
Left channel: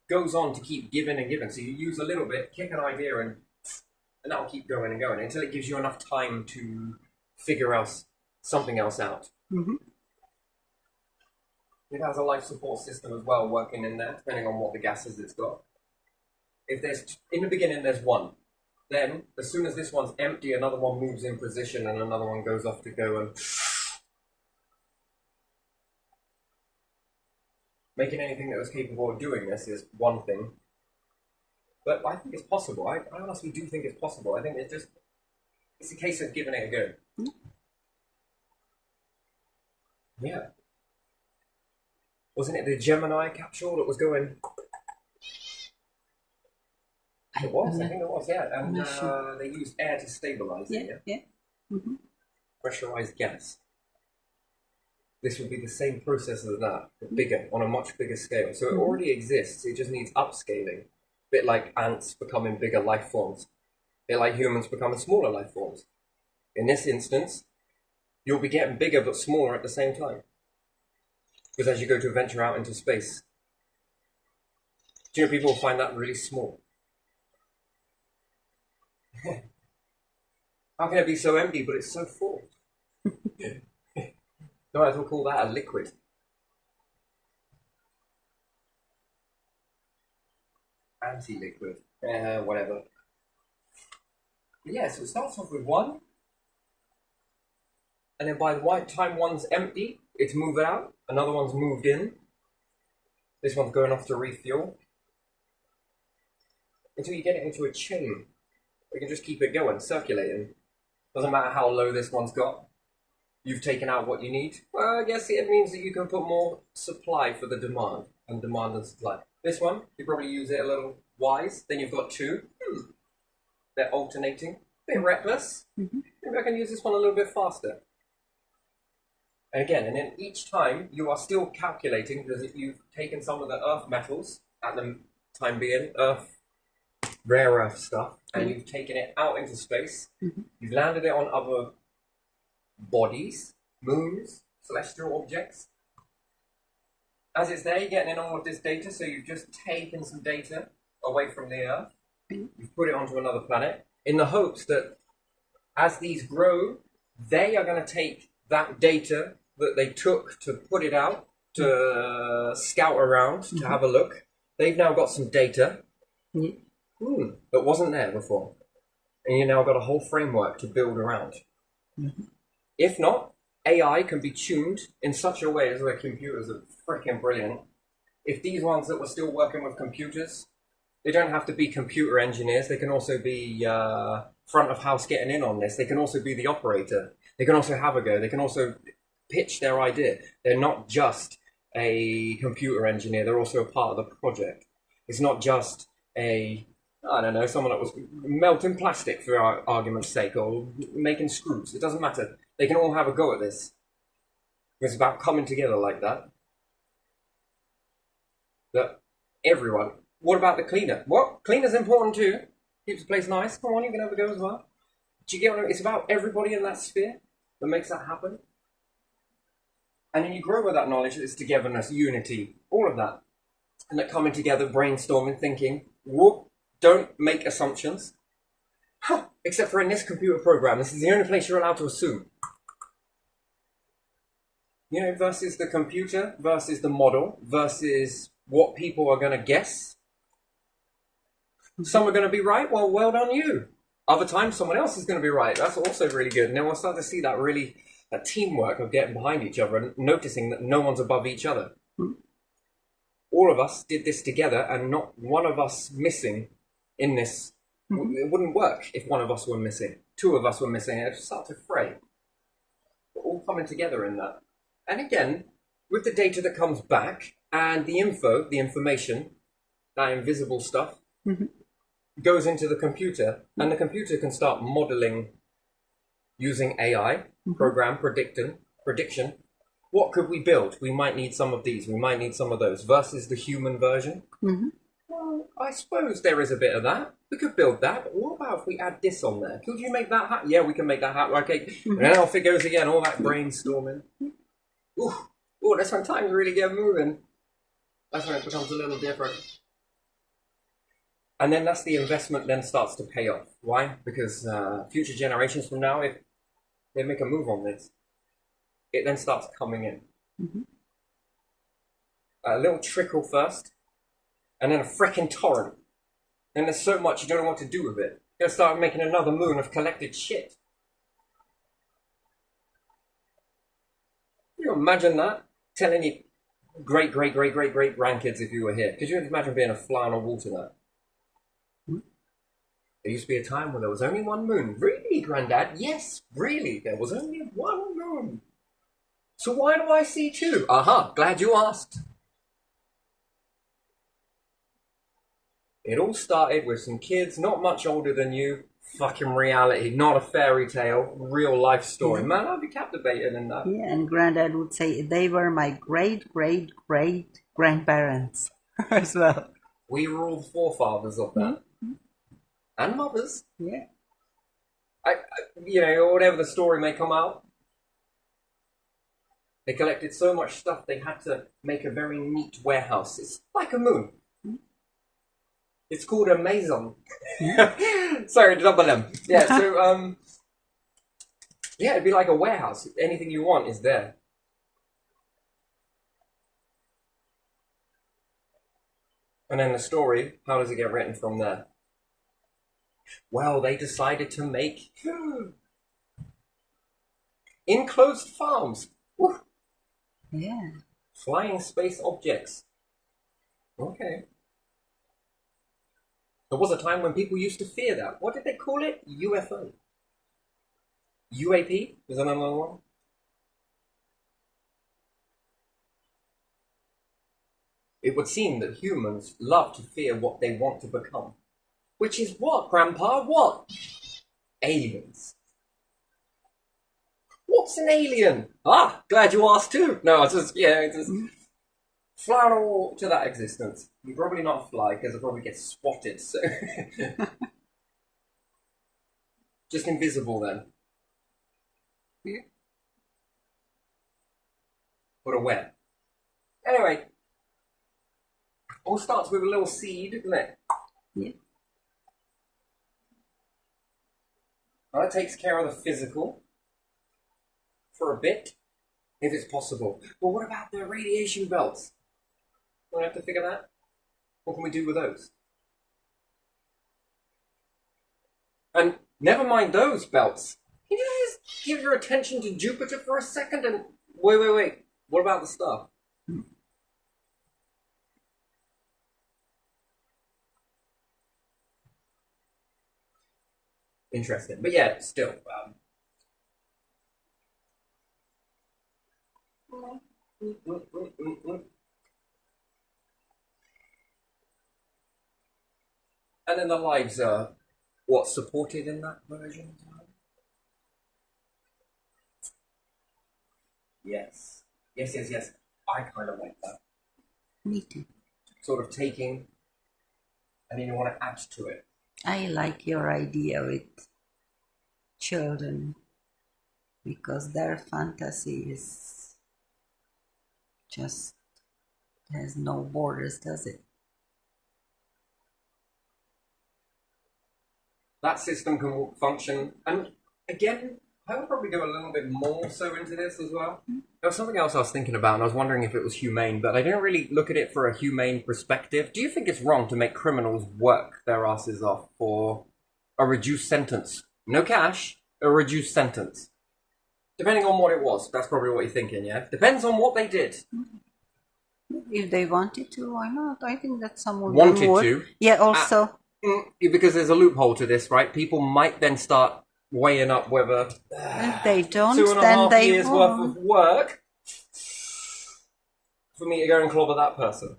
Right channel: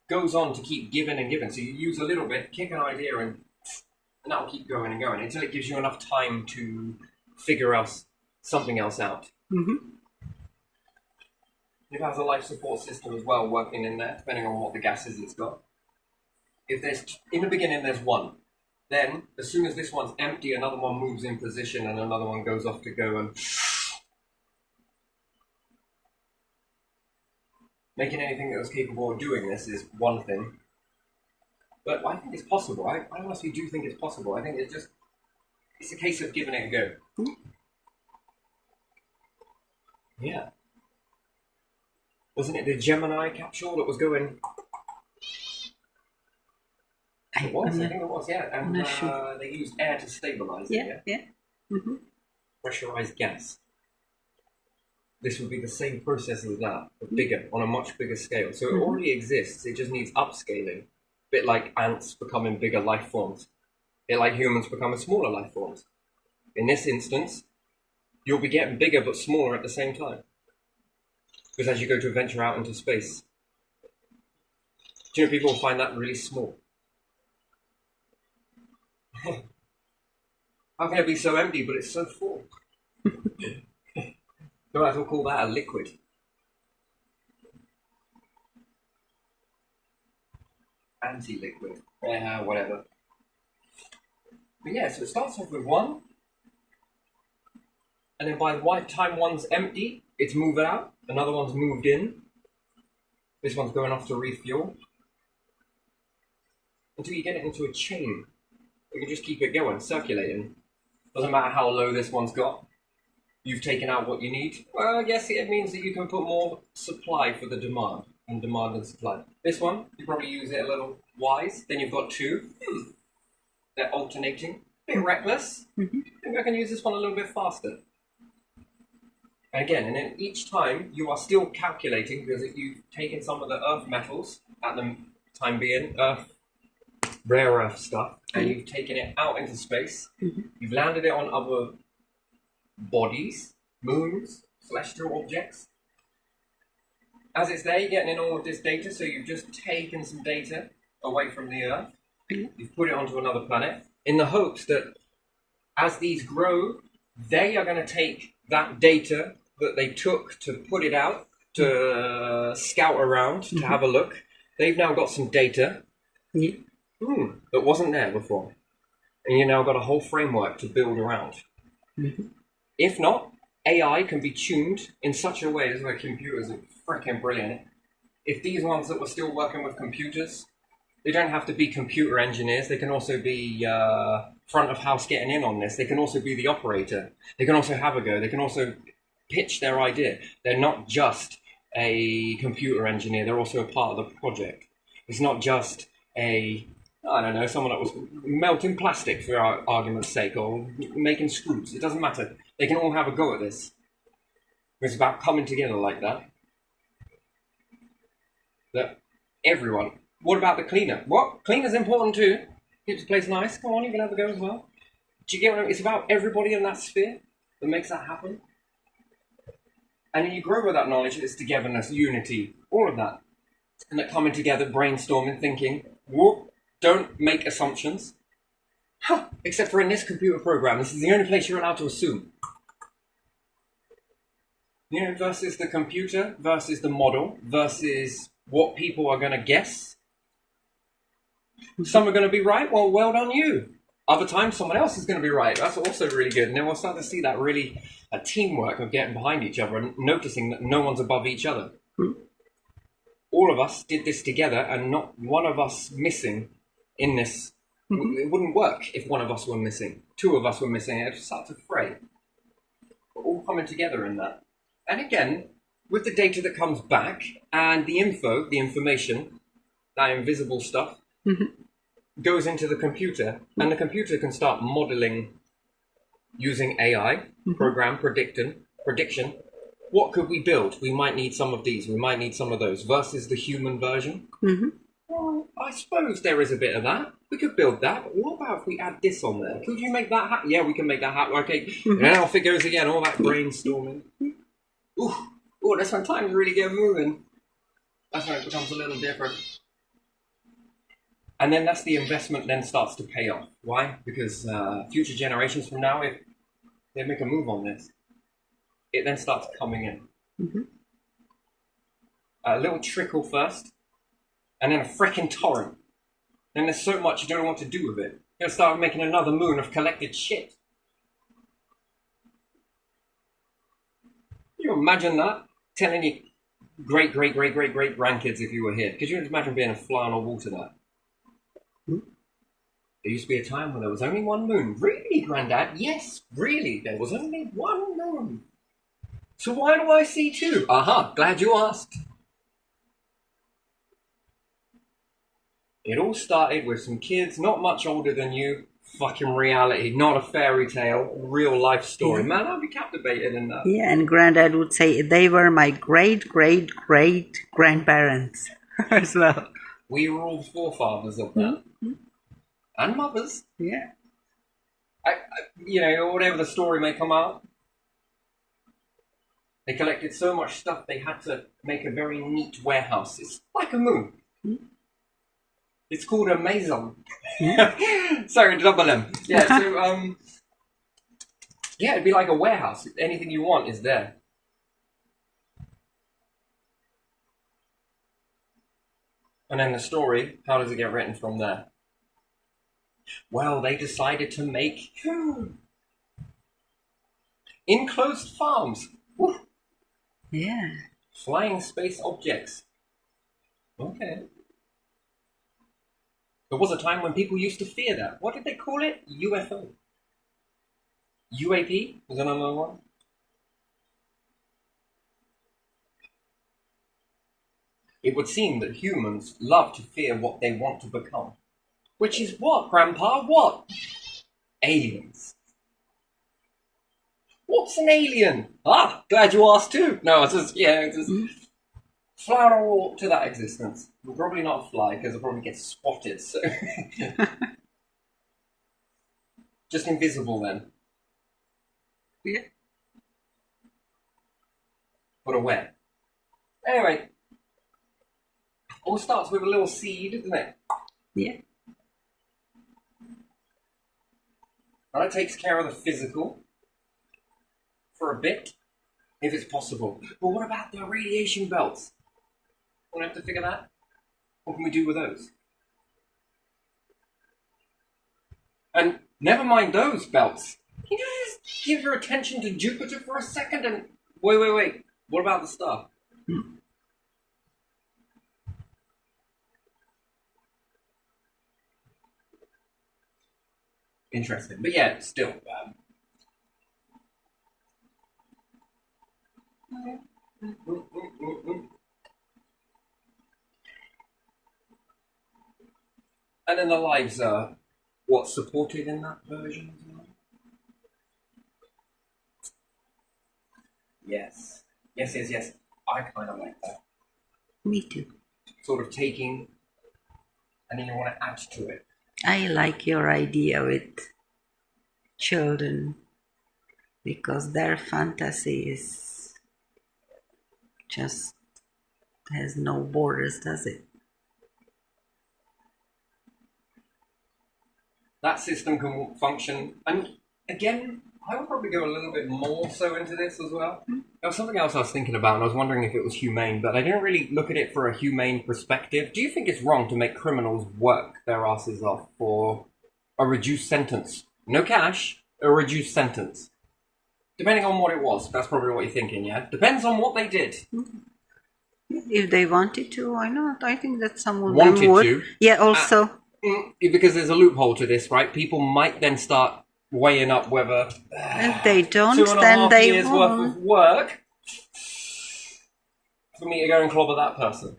goes on to keep giving and giving? So you use a little bit, kick an idea, and that will keep going and going until it gives you enough time to figure out something else out. It has a life support system as well working in there, depending on what the gases it's got. If there's, in the beginning, there's one. Then, as soon as this one's empty, another one moves in position and another one goes off to go and... Making anything that was capable of doing this is one thing. But I think it's possible. I honestly do think it's possible. I think it's a case of giving it a go. Yeah. Wasn't it the Gemini capsule that was going... It was, I think it was, yeah. And they used air to stabilize it, yeah? Pressurized gas. This would be the same process as that, but bigger, on a much bigger scale. So it already exists, it just needs upscaling. A bit like ants becoming bigger life forms. A bit like humans becoming smaller life forms. In this instance, you'll be getting bigger but smaller at the same time. Because as you go to venture out into space, do you know people will find that really small? How can it be so empty, but it's so full? So I will call that a liquid. Anti-liquid. Yeah, whatever. But yeah, so it starts off with one. And then by the time one's empty, it's moved out. Another one's moved in. This one's going off to refuel. Until you get it into a chain. You can just keep it going, circulating. Doesn't matter how low this one's got. You've taken out what you need. Well, I guess it means that you can put more supply for the demand. And demand and supply. This one, you probably use it a little wise. Then you've got two. They're alternating. A bit reckless. Maybe I can use this one a little bit faster. And again, and then each time you are still calculating because you've taken some of the earth metals at the time being, rare earth stuff, and you've taken it out into space. You've landed it on other bodies, moons, celestial objects. As it's there, you're getting in all of this data, so you've just taken some data away from the Earth. You've put it onto another planet in the hopes that as these grow, they are going to take that data that they took to put it out, to scout around, to have a look. They've now got some data that wasn't there before. And you've now got a whole framework to build around. If not, AI can be tuned in such a way, this is where computers are freaking brilliant. If these ones that were still working with computers, they don't have to be computer engineers. They can also be front of house getting in on this. They can also be the operator. They can also have a go. They can also pitch their idea. They're not just a computer engineer. They're also a part of the project. It's not just someone that was melting plastic for argument's sake or making screws. It doesn't matter. They can all have a go at this. It's about coming together like that. That everyone. What about the cleaner? What? Cleaner's important too. Keeps the place nice. Come on, you can have a go as well. Do you get what I mean? It's about everybody in that sphere that makes that happen. And then you grow with that knowledge, it's togetherness, unity, all of that. And that coming together, brainstorming, thinking, whoop, don't make assumptions. Except for in this computer program, this is the only place you're allowed to assume. You know, versus the computer, versus the model, versus what people are going to guess. Some are going to be right, well done you. Other times, someone else is going to be right. That's also really good. And then we'll start to see that really a teamwork of getting behind each other and noticing that no one's above each other. All of us did this together and not one of us missing in this. It wouldn't work if one of us were missing. Two of us were missing. It would start to fray. We're all coming together in that. And again, with the data that comes back and the information, that invisible stuff, goes into the computer, and the computer can start modeling using AI, program, prediction. What could we build? We might need some of these, we might need some of those, versus the human version. Well, I suppose there is a bit of that. We could build that, but what about if we add this on there? Could you make that happen? Yeah, we can make that happen. Okay, and then off it goes again, all that brainstorming. Ooh, that's when times really get moving. That's when it becomes a little different. And then that's the investment then starts to pay off. Why? Because future generations from now, if they make a move on this, it then starts coming in. A little trickle first, and then a freaking torrent. And there's so much you don't know what to do with it. You're going to start making another moon of collected shit. Can you imagine that? Telling you great grandkids if you were here. Could you imagine being a fly on a wall to that? There used to be a time when there was only one moon. Really, Grandad? Yes, really. There was only one moon. So why do I see two? Glad you asked. It all started with some kids not much older than you. Fucking reality, not a fairy tale, real life story. Man, I'd be captivated in that. Yeah, and Grandad would say they were my great grandparents as well. We were all forefathers of that. And mothers. Yeah. Whatever the story may come out. They collected so much stuff they had to make a very neat warehouse. It's like a moon. It's called a maison. Sorry, double M. Yeah, so, yeah, it'd be like a warehouse. Anything you want is there. And then the story, how does it get written from there? Well, they decided to make enclosed farms. Woo. Yeah. Flying space objects. Okay. There was a time when people used to fear that. What did they call it? UFO. UAP? Was that another one? It would seem that humans love to fear what they want to become. Which is what, Grandpa? What? Aliens. What's an alien? Ah, glad you asked too. No, it's just, fly on a walk to that existence. I'm probably not fly, because I'll probably get swatted, so... Just invisible then. Yeah. But aware. Anyway. All starts with a little seed, doesn't it? Yeah. And that takes care of the physical. For a bit. If it's possible. But what about the radiation belts? We'll have to figure that. What can we do with those? And never mind those belts. Can you just give your attention to Jupiter for a second and... Wait. What about the star? Interesting. But yeah, still... And then the lives are what's supported in that version as well? Yes. Yes. I kind of like that. Me too. Sort of taking, and then you want to add to it. I like your idea with children because their fantasy is just has no borders, does it? That system can function, and again, I would probably go a little bit more so into this as well. There was something else I was thinking about, and I was wondering if it was humane, but I didn't really look at it for a humane perspective. Do you think it's wrong to make criminals work their asses off for a reduced sentence? No cash, a reduced sentence. Depending on what it was. That's probably what you're thinking, yeah? Depends on what they did. If they wanted to, why not? I think that some of Wanted them would. to? Yeah, also. Because there's a loophole to this, right? People might then start weighing up whether If they don't, 2.5 then they years won't. worth of work for me to go and clobber that person.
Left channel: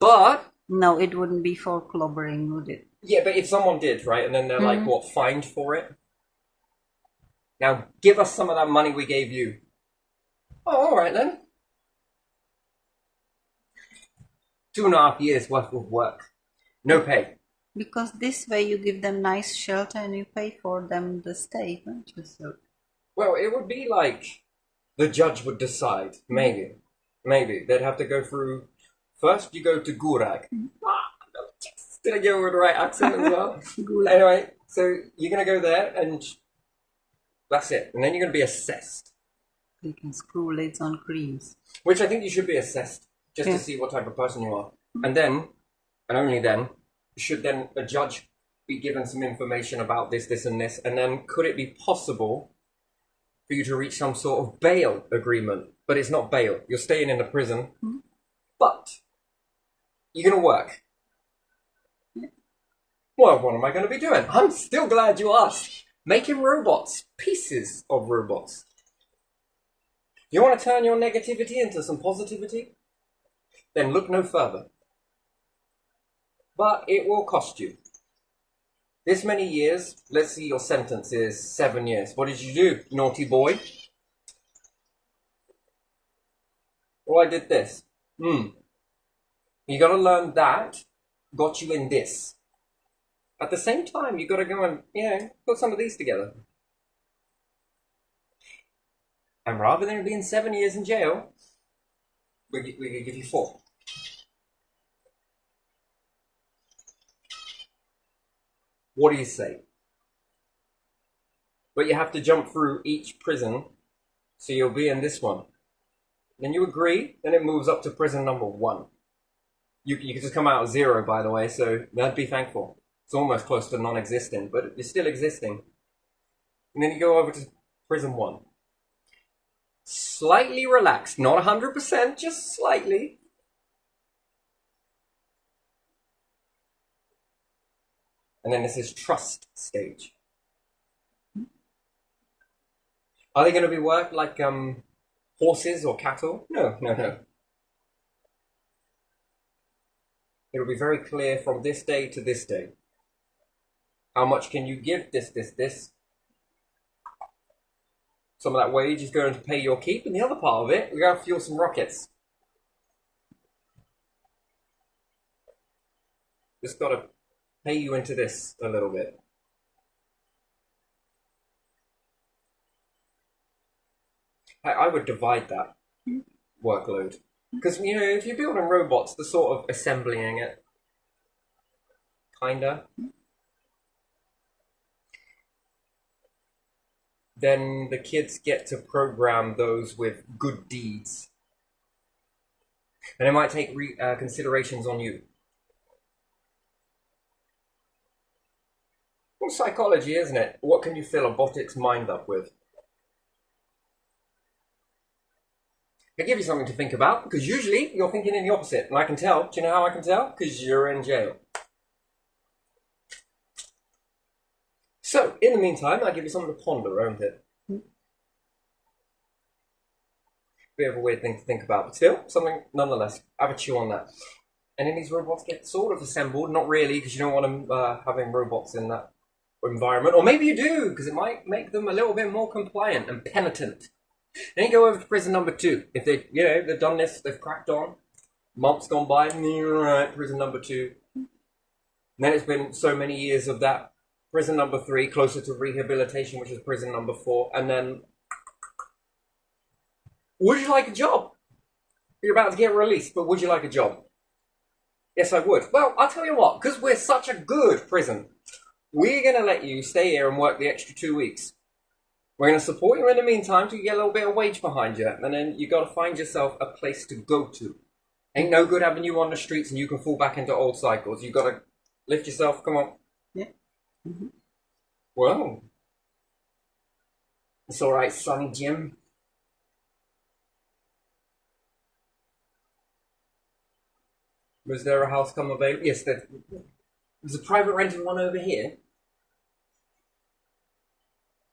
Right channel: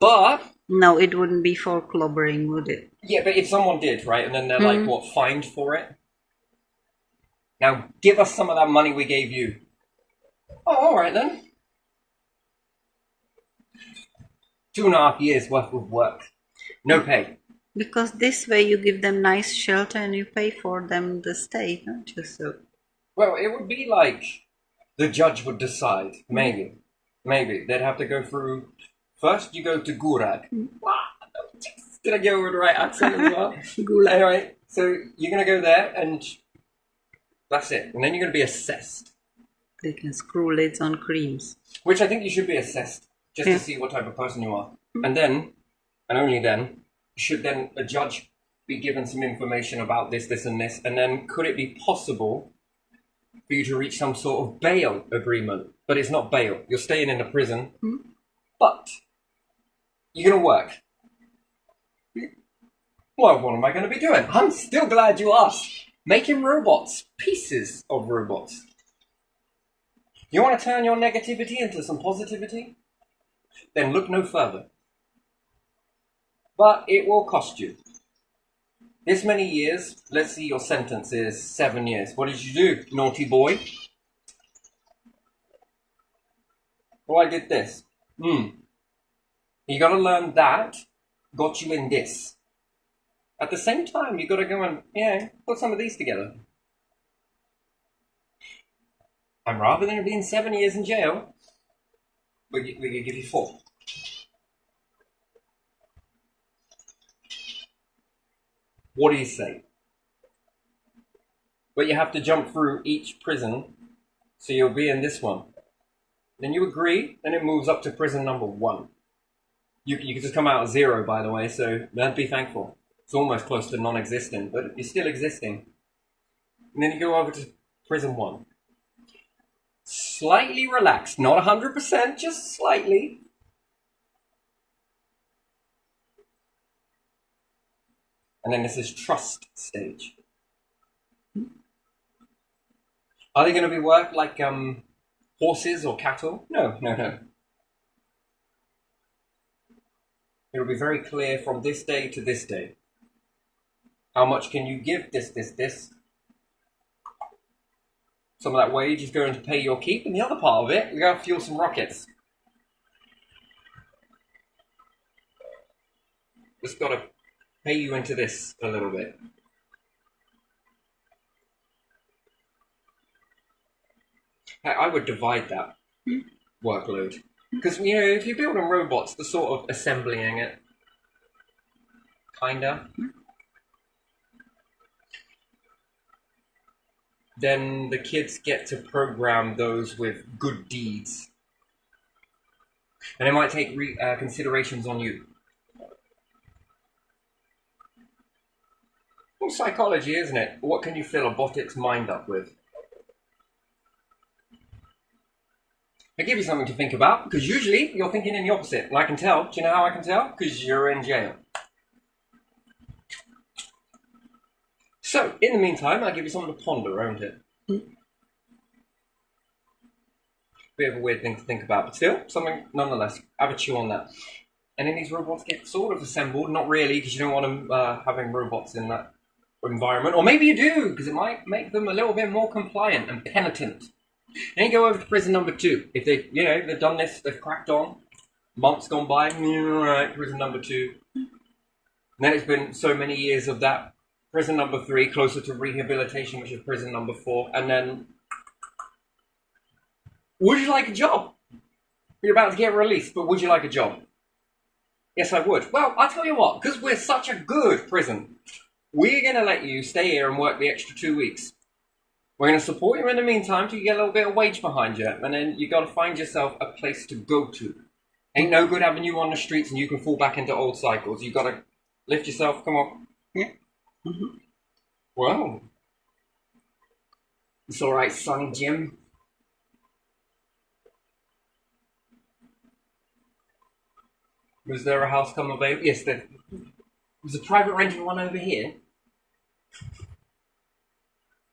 But No, it wouldn't be for clobbering, would it? yeah, but if someone did, right, and then they're like, what, fined for it? Now give us some of that money we gave you. Oh, all right then. 2.5 years worth of work, no pay. Because this way you give them nice shelter and you pay for them the stay, don't you? So Well, it would be like the judge would decide. Maybe they'd have to go through. First, you go to Gulag. Did I go with the right accent as well? Gulag. Anyway, so you're gonna go there, and that's it. And then you're gonna be assessed, they can screw lids on creams. which I think you should be assessed just to see what type of person you are. And then, and only then, should then a judge be given some information about this, and this, and then could it be possible for you to reach some sort of bail agreement? But it's not bail. You're staying in the prison, but you're going to work. Well, what am I going to be doing? I'm still glad you asked. Making robots. Pieces of robots. You want to turn your negativity into some positivity? Then look no further. But it will cost you. This many years, let's see, your sentence is 7 years. What did you do, naughty boy? Well, I did this. You got to learn that got you in this. At the same time, you got to go and, put some of these together. And rather than being 7 years in jail, we could give you 4. What do you say? But you have to jump through each prison, so you'll be in this one. Then you agree, then it moves up to prison number 1. You can just come out at 0, by the way, so be thankful. It's almost close to non-existent, but you're still existing. And then you go over to prison 1. Slightly relaxed, not 100%, just slightly. And then this is trust stage. Are they going to be worked like horses or cattle? No. It'll be very clear from this day to this day. How much can you give this? Some of that wage is going to pay your keep, and the other part of it, we're going to fuel some rockets. Just got to pay you into this a little bit. I would divide that workload. Because, if you're building robots, the sort of assembling it, kinda, then the kids get to program those with good deeds. And it might take considerations on you. Well, psychology, isn't it? What can you fill a botic's mind up with? I give you something to think about, because usually you're thinking in the opposite, and I can tell. Do you know how I can tell? Because you're in jail. So, in the meantime, I'll give you something to ponder, won't it? Bit of a weird thing to think about, but still, something nonetheless. Have a chew on that. And then these robots get sort of assembled, not really, because you don't want them having robots in that environment. Or maybe you do, because it might make them a little bit more compliant and penitent. Then you go over to prison number 2. If they, they've done this, they've cracked on, months gone by, right, prison number 2. And then it's been so many years of that. Prison number 3, closer to rehabilitation, which is prison number 4. And then, would you like a job? You're about to get released, but would you like a job? Yes, I would. Well, I'll tell you what, because we're such a good prison, we're going to let you stay here and work the extra 2 weeks. We're going to support you in the meantime till you get a little bit of wage behind you. And then you got to find yourself a place to go to. Ain't no good having you on the streets and you can fall back into old cycles. You got to lift yourself. Come on. Yeah. Mm-hmm. Well. It's all right, Sonny Jim. Was there a house come available? Yes, there was a private rented one over here.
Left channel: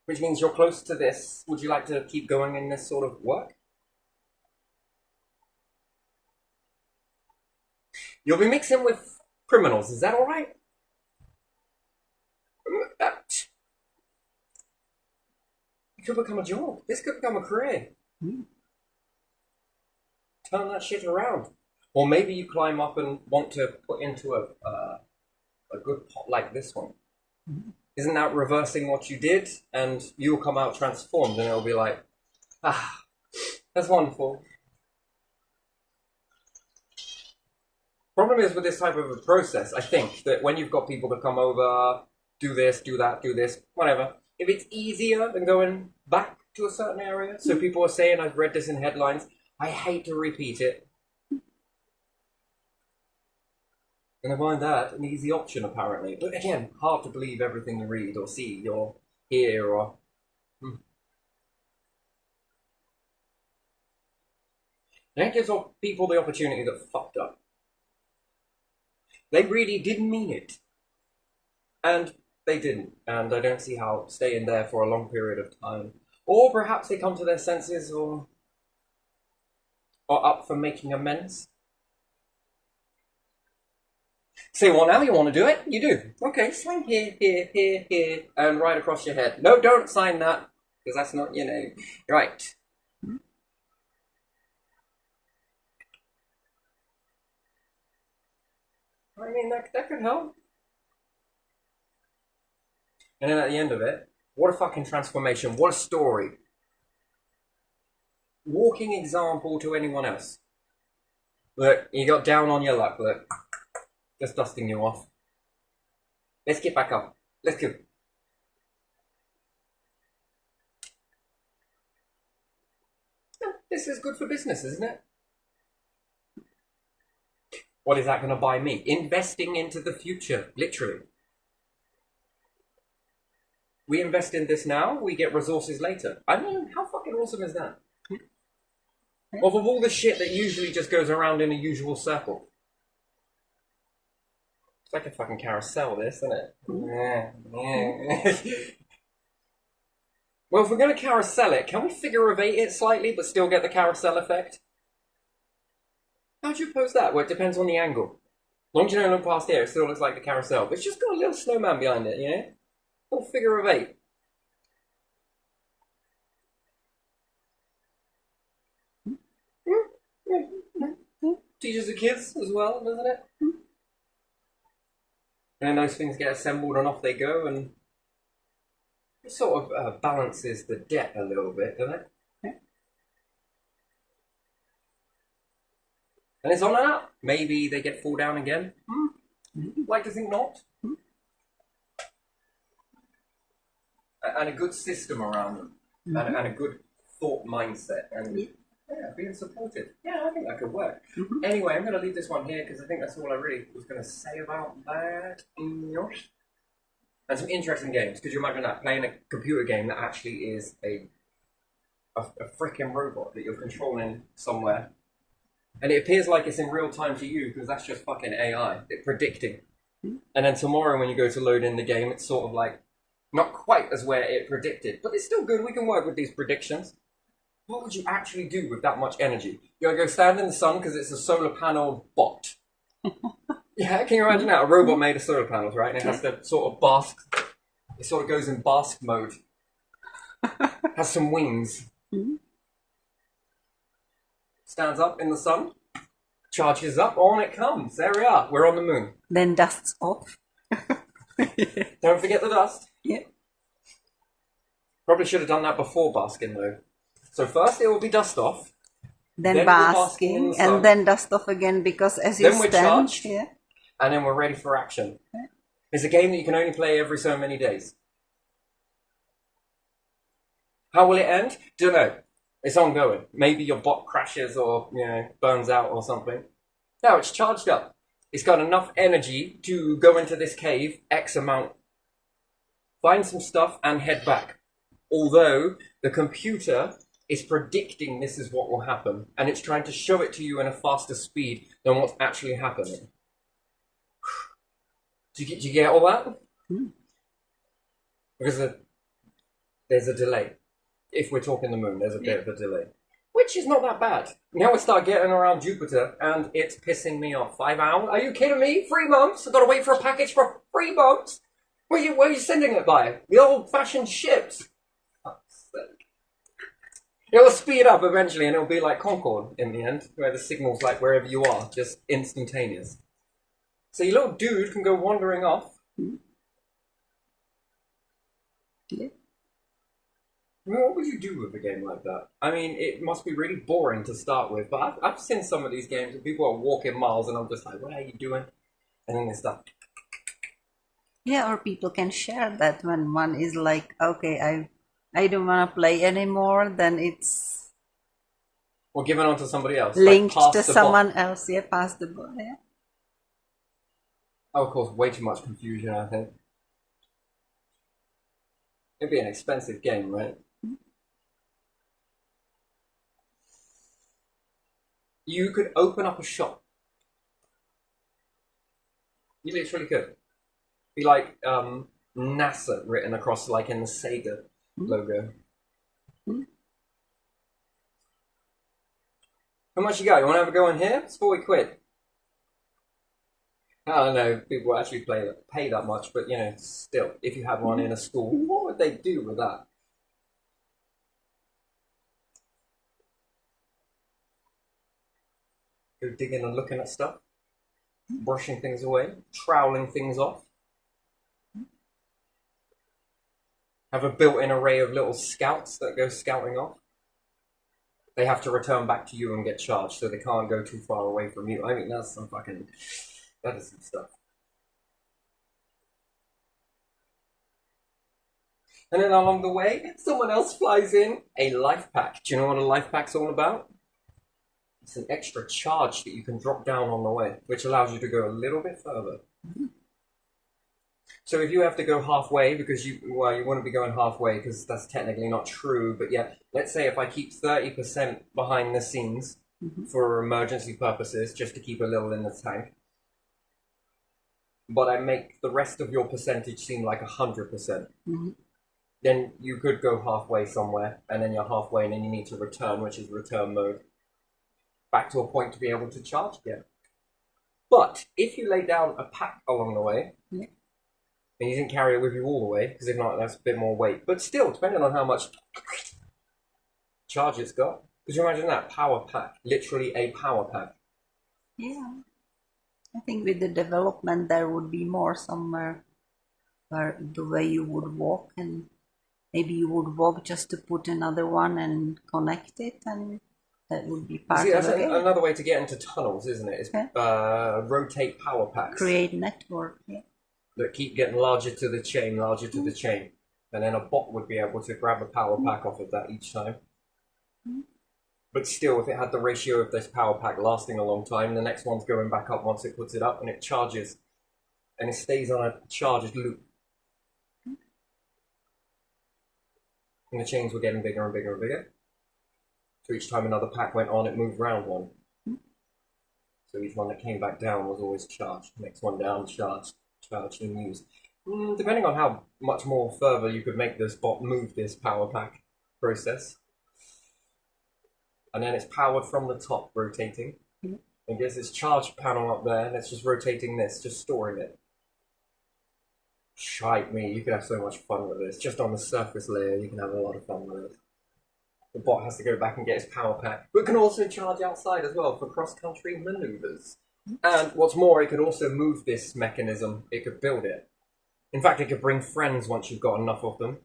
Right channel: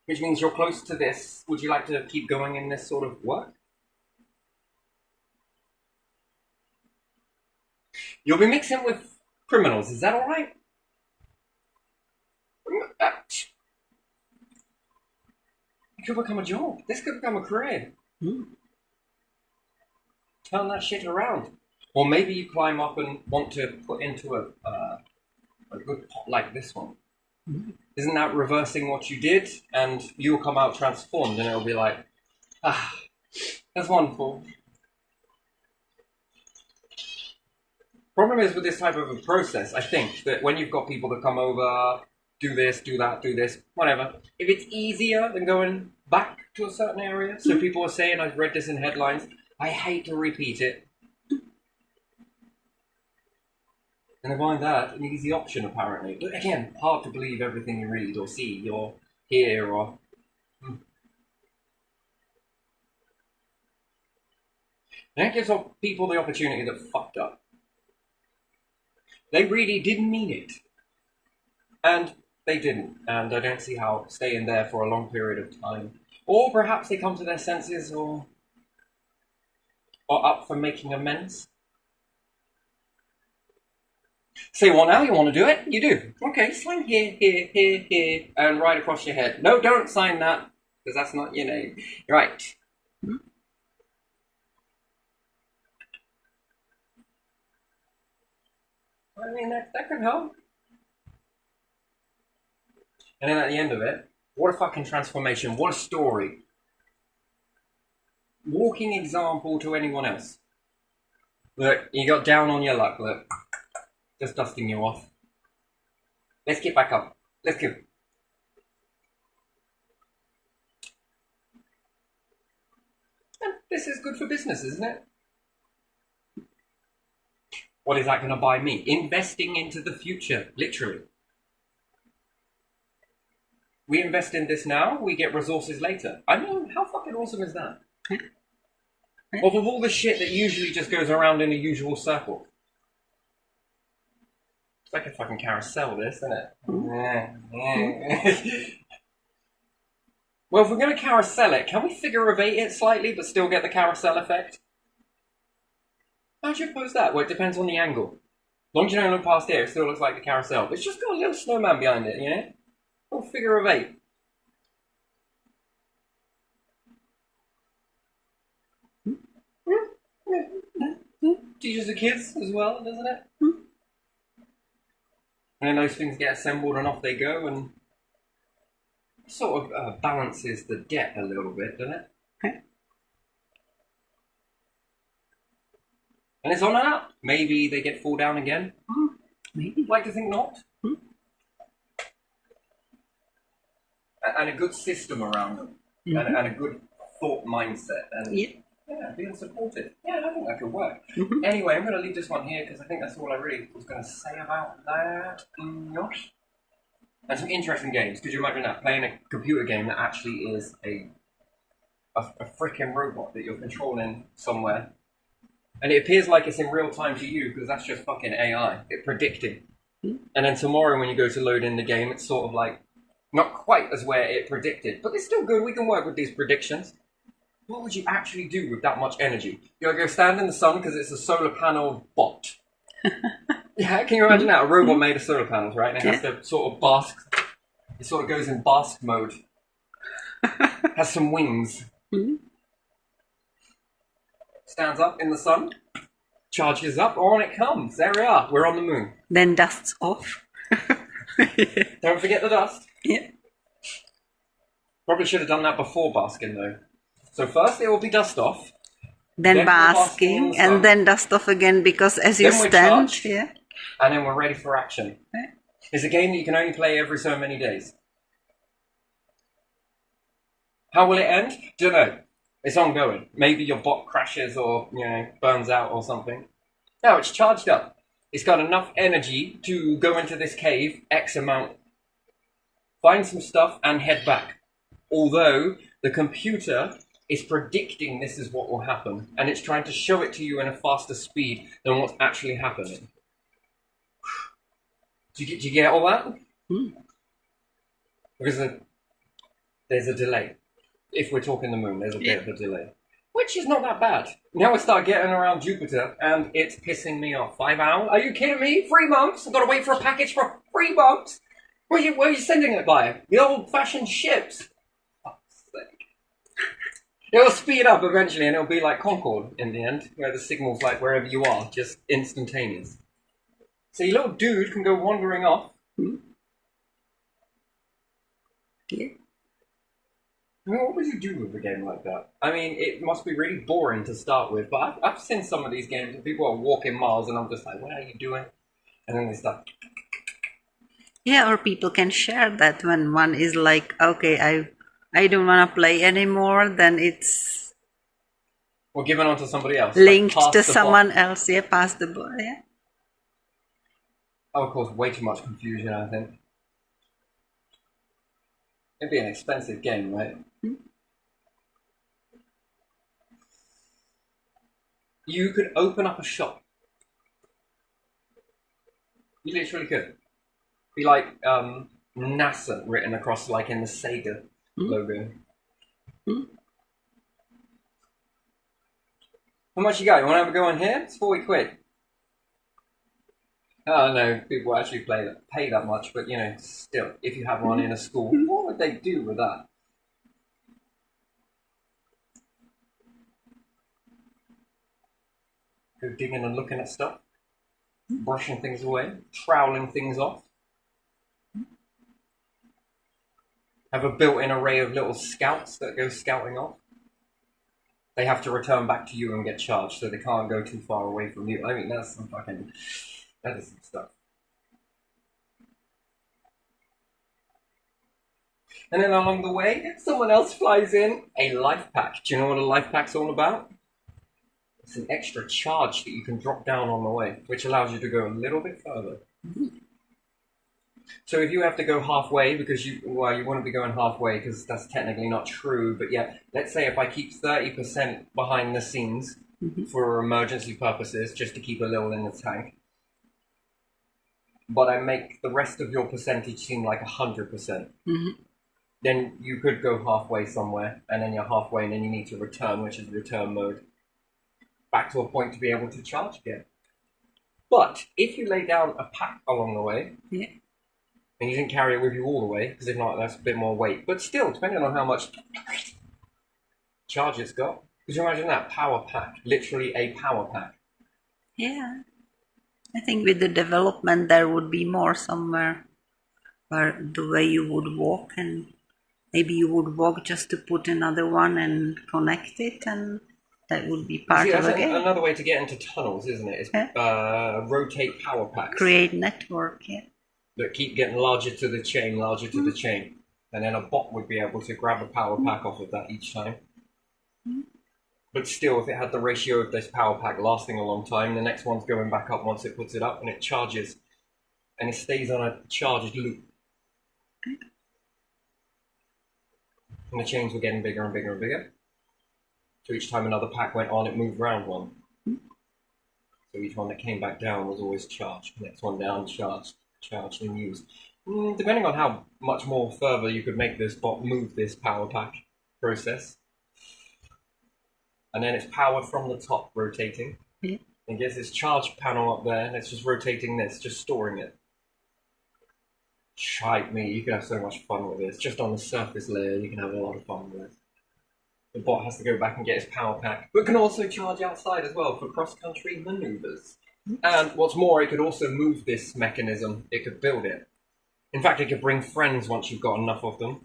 Which means you're close to this. Would you like to keep going in this sort of work? You'll be mixing with criminals. Is that all right? It could become a job. This could become a career. Turn that shit around. Or maybe you climb up and want to put into a good pot like this one. Isn't that reversing what you did? And you'll come out transformed and it'll be like, that's wonderful. Problem is with this type of a process, I think, that when you've got people that come over, do this, do that, do this, whatever, if it's easier than going back to a certain area, so people are saying, I've read this in headlines, I hate to repeat it. And I find that an easy option, apparently. But again, hard to believe everything you read or see or hear or... And it gives people the opportunity that fucked up. They really didn't mean it. And they didn't. And I don't see how staying there for a long period of time. Or perhaps they come to their senses or up for making amends. Say, well, now you want to do it? You do. Okay, sign here, here, here, here, and right across your head. No, don't sign that, because that's not your name. Right. I mean, that could help. And then at the end of it, what a fucking transformation. What a story. Walking example to anyone else. Look, you got down on your luck, look. Just dusting you off. Let's get back up. Let's go. This is good for business, isn't it? What is that going to buy me? Investing into the future, literally. We invest in this now, we get resources later. I mean, how fucking awesome is that? Of all the shit that usually just goes around in a usual circle. It's like a fucking carousel, this, isn't it? Well, if we're going to carousel it, can we figure-of-eight it slightly but still get the carousel effect? How do you pose that? Well, it depends on the angle. As long as you don't look past here, it still looks like the carousel. But it's just got a little snowman behind it, you know? A little figure-of-eight. Teaches the kids as well, doesn't it? And then those things get assembled and off they go, and it sort of balances the debt a little bit, doesn't it? And it's on and up. Maybe they get fall down again. Maybe. Like to think not. And a good system around them. And a good thought mindset. And being supported. Yeah, I think that could work. Anyway, I'm going to leave this one here because I think that's all I really was going to say about that. And some interesting games. Could you imagine that? Playing a computer game that actually is a freaking robot that you're controlling somewhere. And it appears like it's in real time to you because that's just fucking AI. It's predicting. And then tomorrow when you go to load in the game, it's sort of like not quite as where it predicted. But it's still good. We can work with these predictions. What would you actually do with that much energy? You gotta go stand in the sun because it's a solar panel bot. Yeah, can you imagine that? A robot made of solar panels, right? And it has to sort of bask. It sort of goes in bask mode. Has some wings. Stands up in the sun. Charges up. On it comes. There we are. We're on the moon. Then dusts off. Don't forget the dust. Yeah. Probably should have done that before basking though. So first it will be dust off. Then basking, and then dust off again because as you stand, and then we're ready for action. It's a game that you can only play every so many days. How will it end? Don't know. It's ongoing. Maybe your bot crashes or burns out or something. No, it's charged up. It's got enough energy to go into this cave, X amount, find some stuff and head back. Although the computer is predicting this is what will happen, and it's trying to show it to you in a faster speed than what's actually happening. Do you get all that? Because there's a delay. If we're talking the moon, there's a bit of a delay. Which is not that bad. Now we start getting around Jupiter, and it's pissing me off. 5 hours? Are you kidding me? 3 months? I've got to wait for a package for 3 months? Where are you sending it by? The old-fashioned ships? It'll speed up eventually, and it'll be like Concorde in the end, where the signal's like wherever you are, just instantaneous. So your little dude can go wandering off. Yeah. I mean, what would you do with a game like that? I mean, it must be really boring to start with, but I've seen some of these games and people are walking miles, and I'm just like, what are you doing? And then they start. Yeah, or people can share that when one is like, okay, I don't want to play anymore, then it's or given on to somebody else. Linked to someone else, past the ball, That would cause way too much confusion, I think. It'd be an expensive game, right? You could open up a shop. You literally could. Be like NASA written across, like in the Sega logo. How much you got? You want to have a go on here? It's 40 quid. I don't know if people actually pay that much, but still, if you have one in a school, what would they do with that? Go digging and looking at stuff, brushing things away, troweling things off. Have a built-in array of little scouts that go scouting off. They have to return back to you and get charged, so they can't go too far away from you. I mean, that's some fucking... That is some stuff. And then along the way, someone else flies in a life pack. Do you know what a life pack's all about? It's an extra charge that you can drop down on the way, which allows you to go a little bit further. So if you have to go halfway, because you wouldn't be going halfway because that's technically not true, but yeah, let's say if I keep 30% behind the scenes for emergency purposes, just to keep a little in the tank, but I make the rest of your percentage seem like 100%, then you could go halfway somewhere, and then you're halfway, and then you need to return, which is return mode, back to a point to be able to charge again. But if you lay down a pack along the way, and you didn't carry it with you all the way, because if not, that's a bit more weight. But still, depending on how much charge it's got, could you imagine that? Power pack, literally a power pack. Yeah. I think with the development there would be more somewhere where the way you would walk, and maybe you would walk just to put another one and connect it, and that would be part of the game. Another way to get into tunnels, isn't it? Is rotate power packs. Create network, that keep getting larger to the chain, and then a bot would be able to grab a power pack off of that each time. But still, if it had the ratio of this power pack lasting a long time, the next one's going back up once it puts it up, and it charges, and it stays on a charged loop. And the chains were getting bigger and bigger and bigger. So each time another pack went on, it moved around one. So each one that came back down was always charged. Next one down, charged and used. Depending on how much more further you could make this bot move this power pack process. And then it's powered from the top, rotating. It gets this charge panel up there, and it's just rotating this, just storing it. Shite me, you could have so much fun with this. Just on the surface layer, you can have a lot of fun with it. The bot has to go back and get his power pack, but can also charge outside as well for cross-country maneuvers. And what's more, it could also move this mechanism. It could build it. In fact, it could bring friends once you've got enough of them.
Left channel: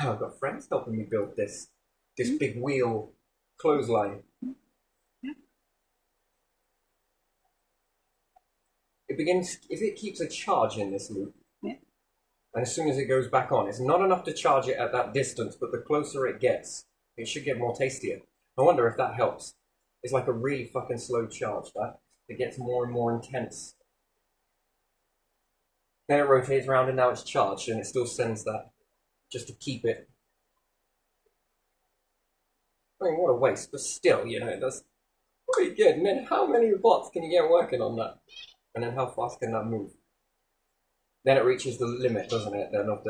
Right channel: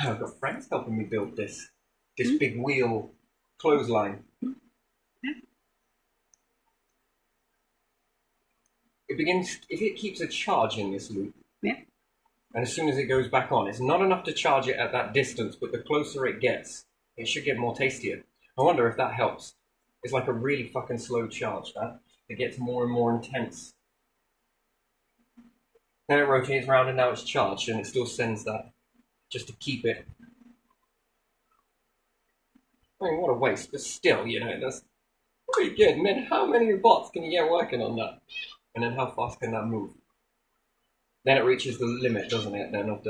Oh, I've got friends helping me build this big wheel clothesline. It begins, if it keeps a charge in this loop, and as soon as it goes back on, it's not enough to charge it at that distance, but the closer it gets, it should get more tastier. I wonder if that helps. It's like a really fucking slow charge, that. It gets more and more intense. Then it rotates around and now it's charged, and it still sends that just to keep it. I mean, what a waste, but still, you know, that's pretty good. And then how many bots can you get working on that? And then how fast can that move? Then it reaches the limit, doesn't it? Then of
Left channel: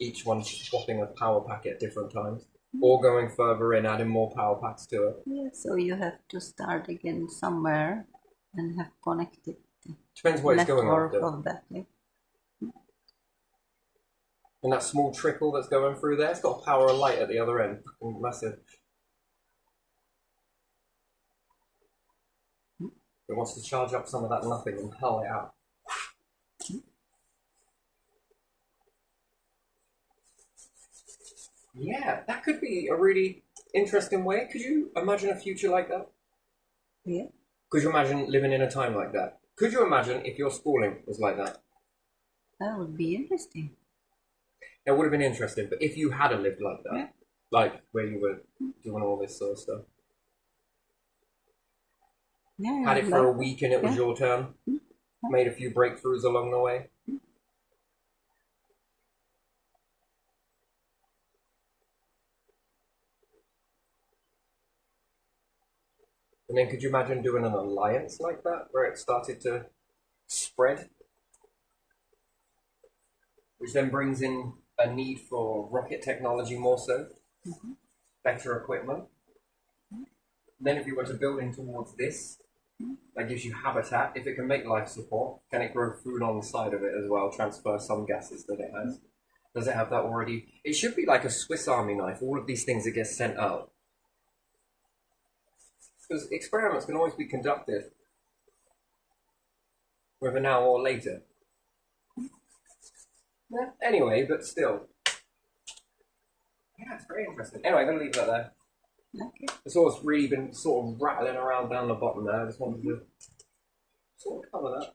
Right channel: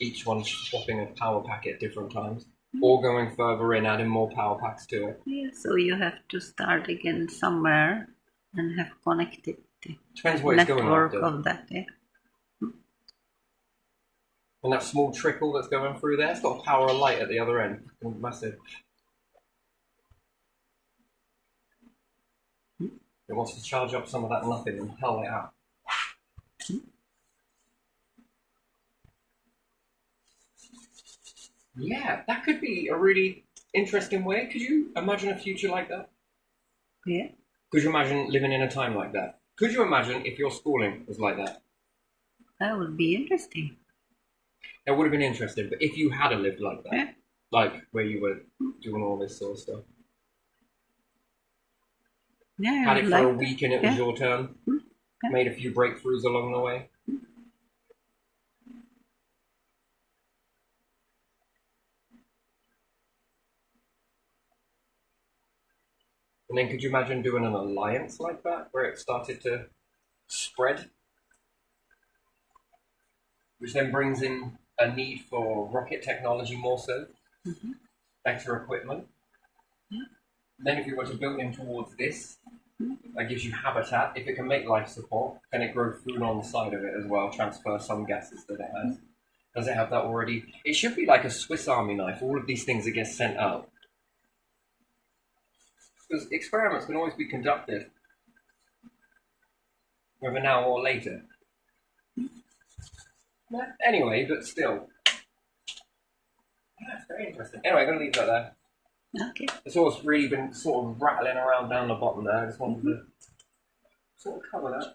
each one swapping a power pack at different times. Or going further in, adding more power packs to it. Yeah, so you have to start again somewhere and have connected the depends what it's going after. Of that, And that small trickle that's going through there, it's got a power of light at the other end. Massive. It wants to charge up some of that nothing and hull it out. Yeah, that could be a really interesting way. Could you imagine a future like that? Yeah. Could you imagine living in a time like that? Could you imagine if your schooling was like that? That would be interesting. It would have been interesting, but if you had lived like that, like where you were doing all this sort of stuff, had it for a week and it was your turn, made a few breakthroughs along the way. And then could you imagine doing an alliance like that, where it started to spread? Which then brings in a need for rocket technology more so, better equipment. Then if you were to build in towards this, that gives you habitat. If it can make life support, can it grow food on the side of it as well, transfer some gases that it has? Does it have that already? It should be like a Swiss Army knife, all of these things that get sent out. Because experiments can always be conducted, whether now or later. Yeah, anyway, but still. Yeah, it's very interesting. Anyway, I'm going to leave that there. Okay. It's always really been sort of rattling around down the bottom there. I just wanted to sort of cover that.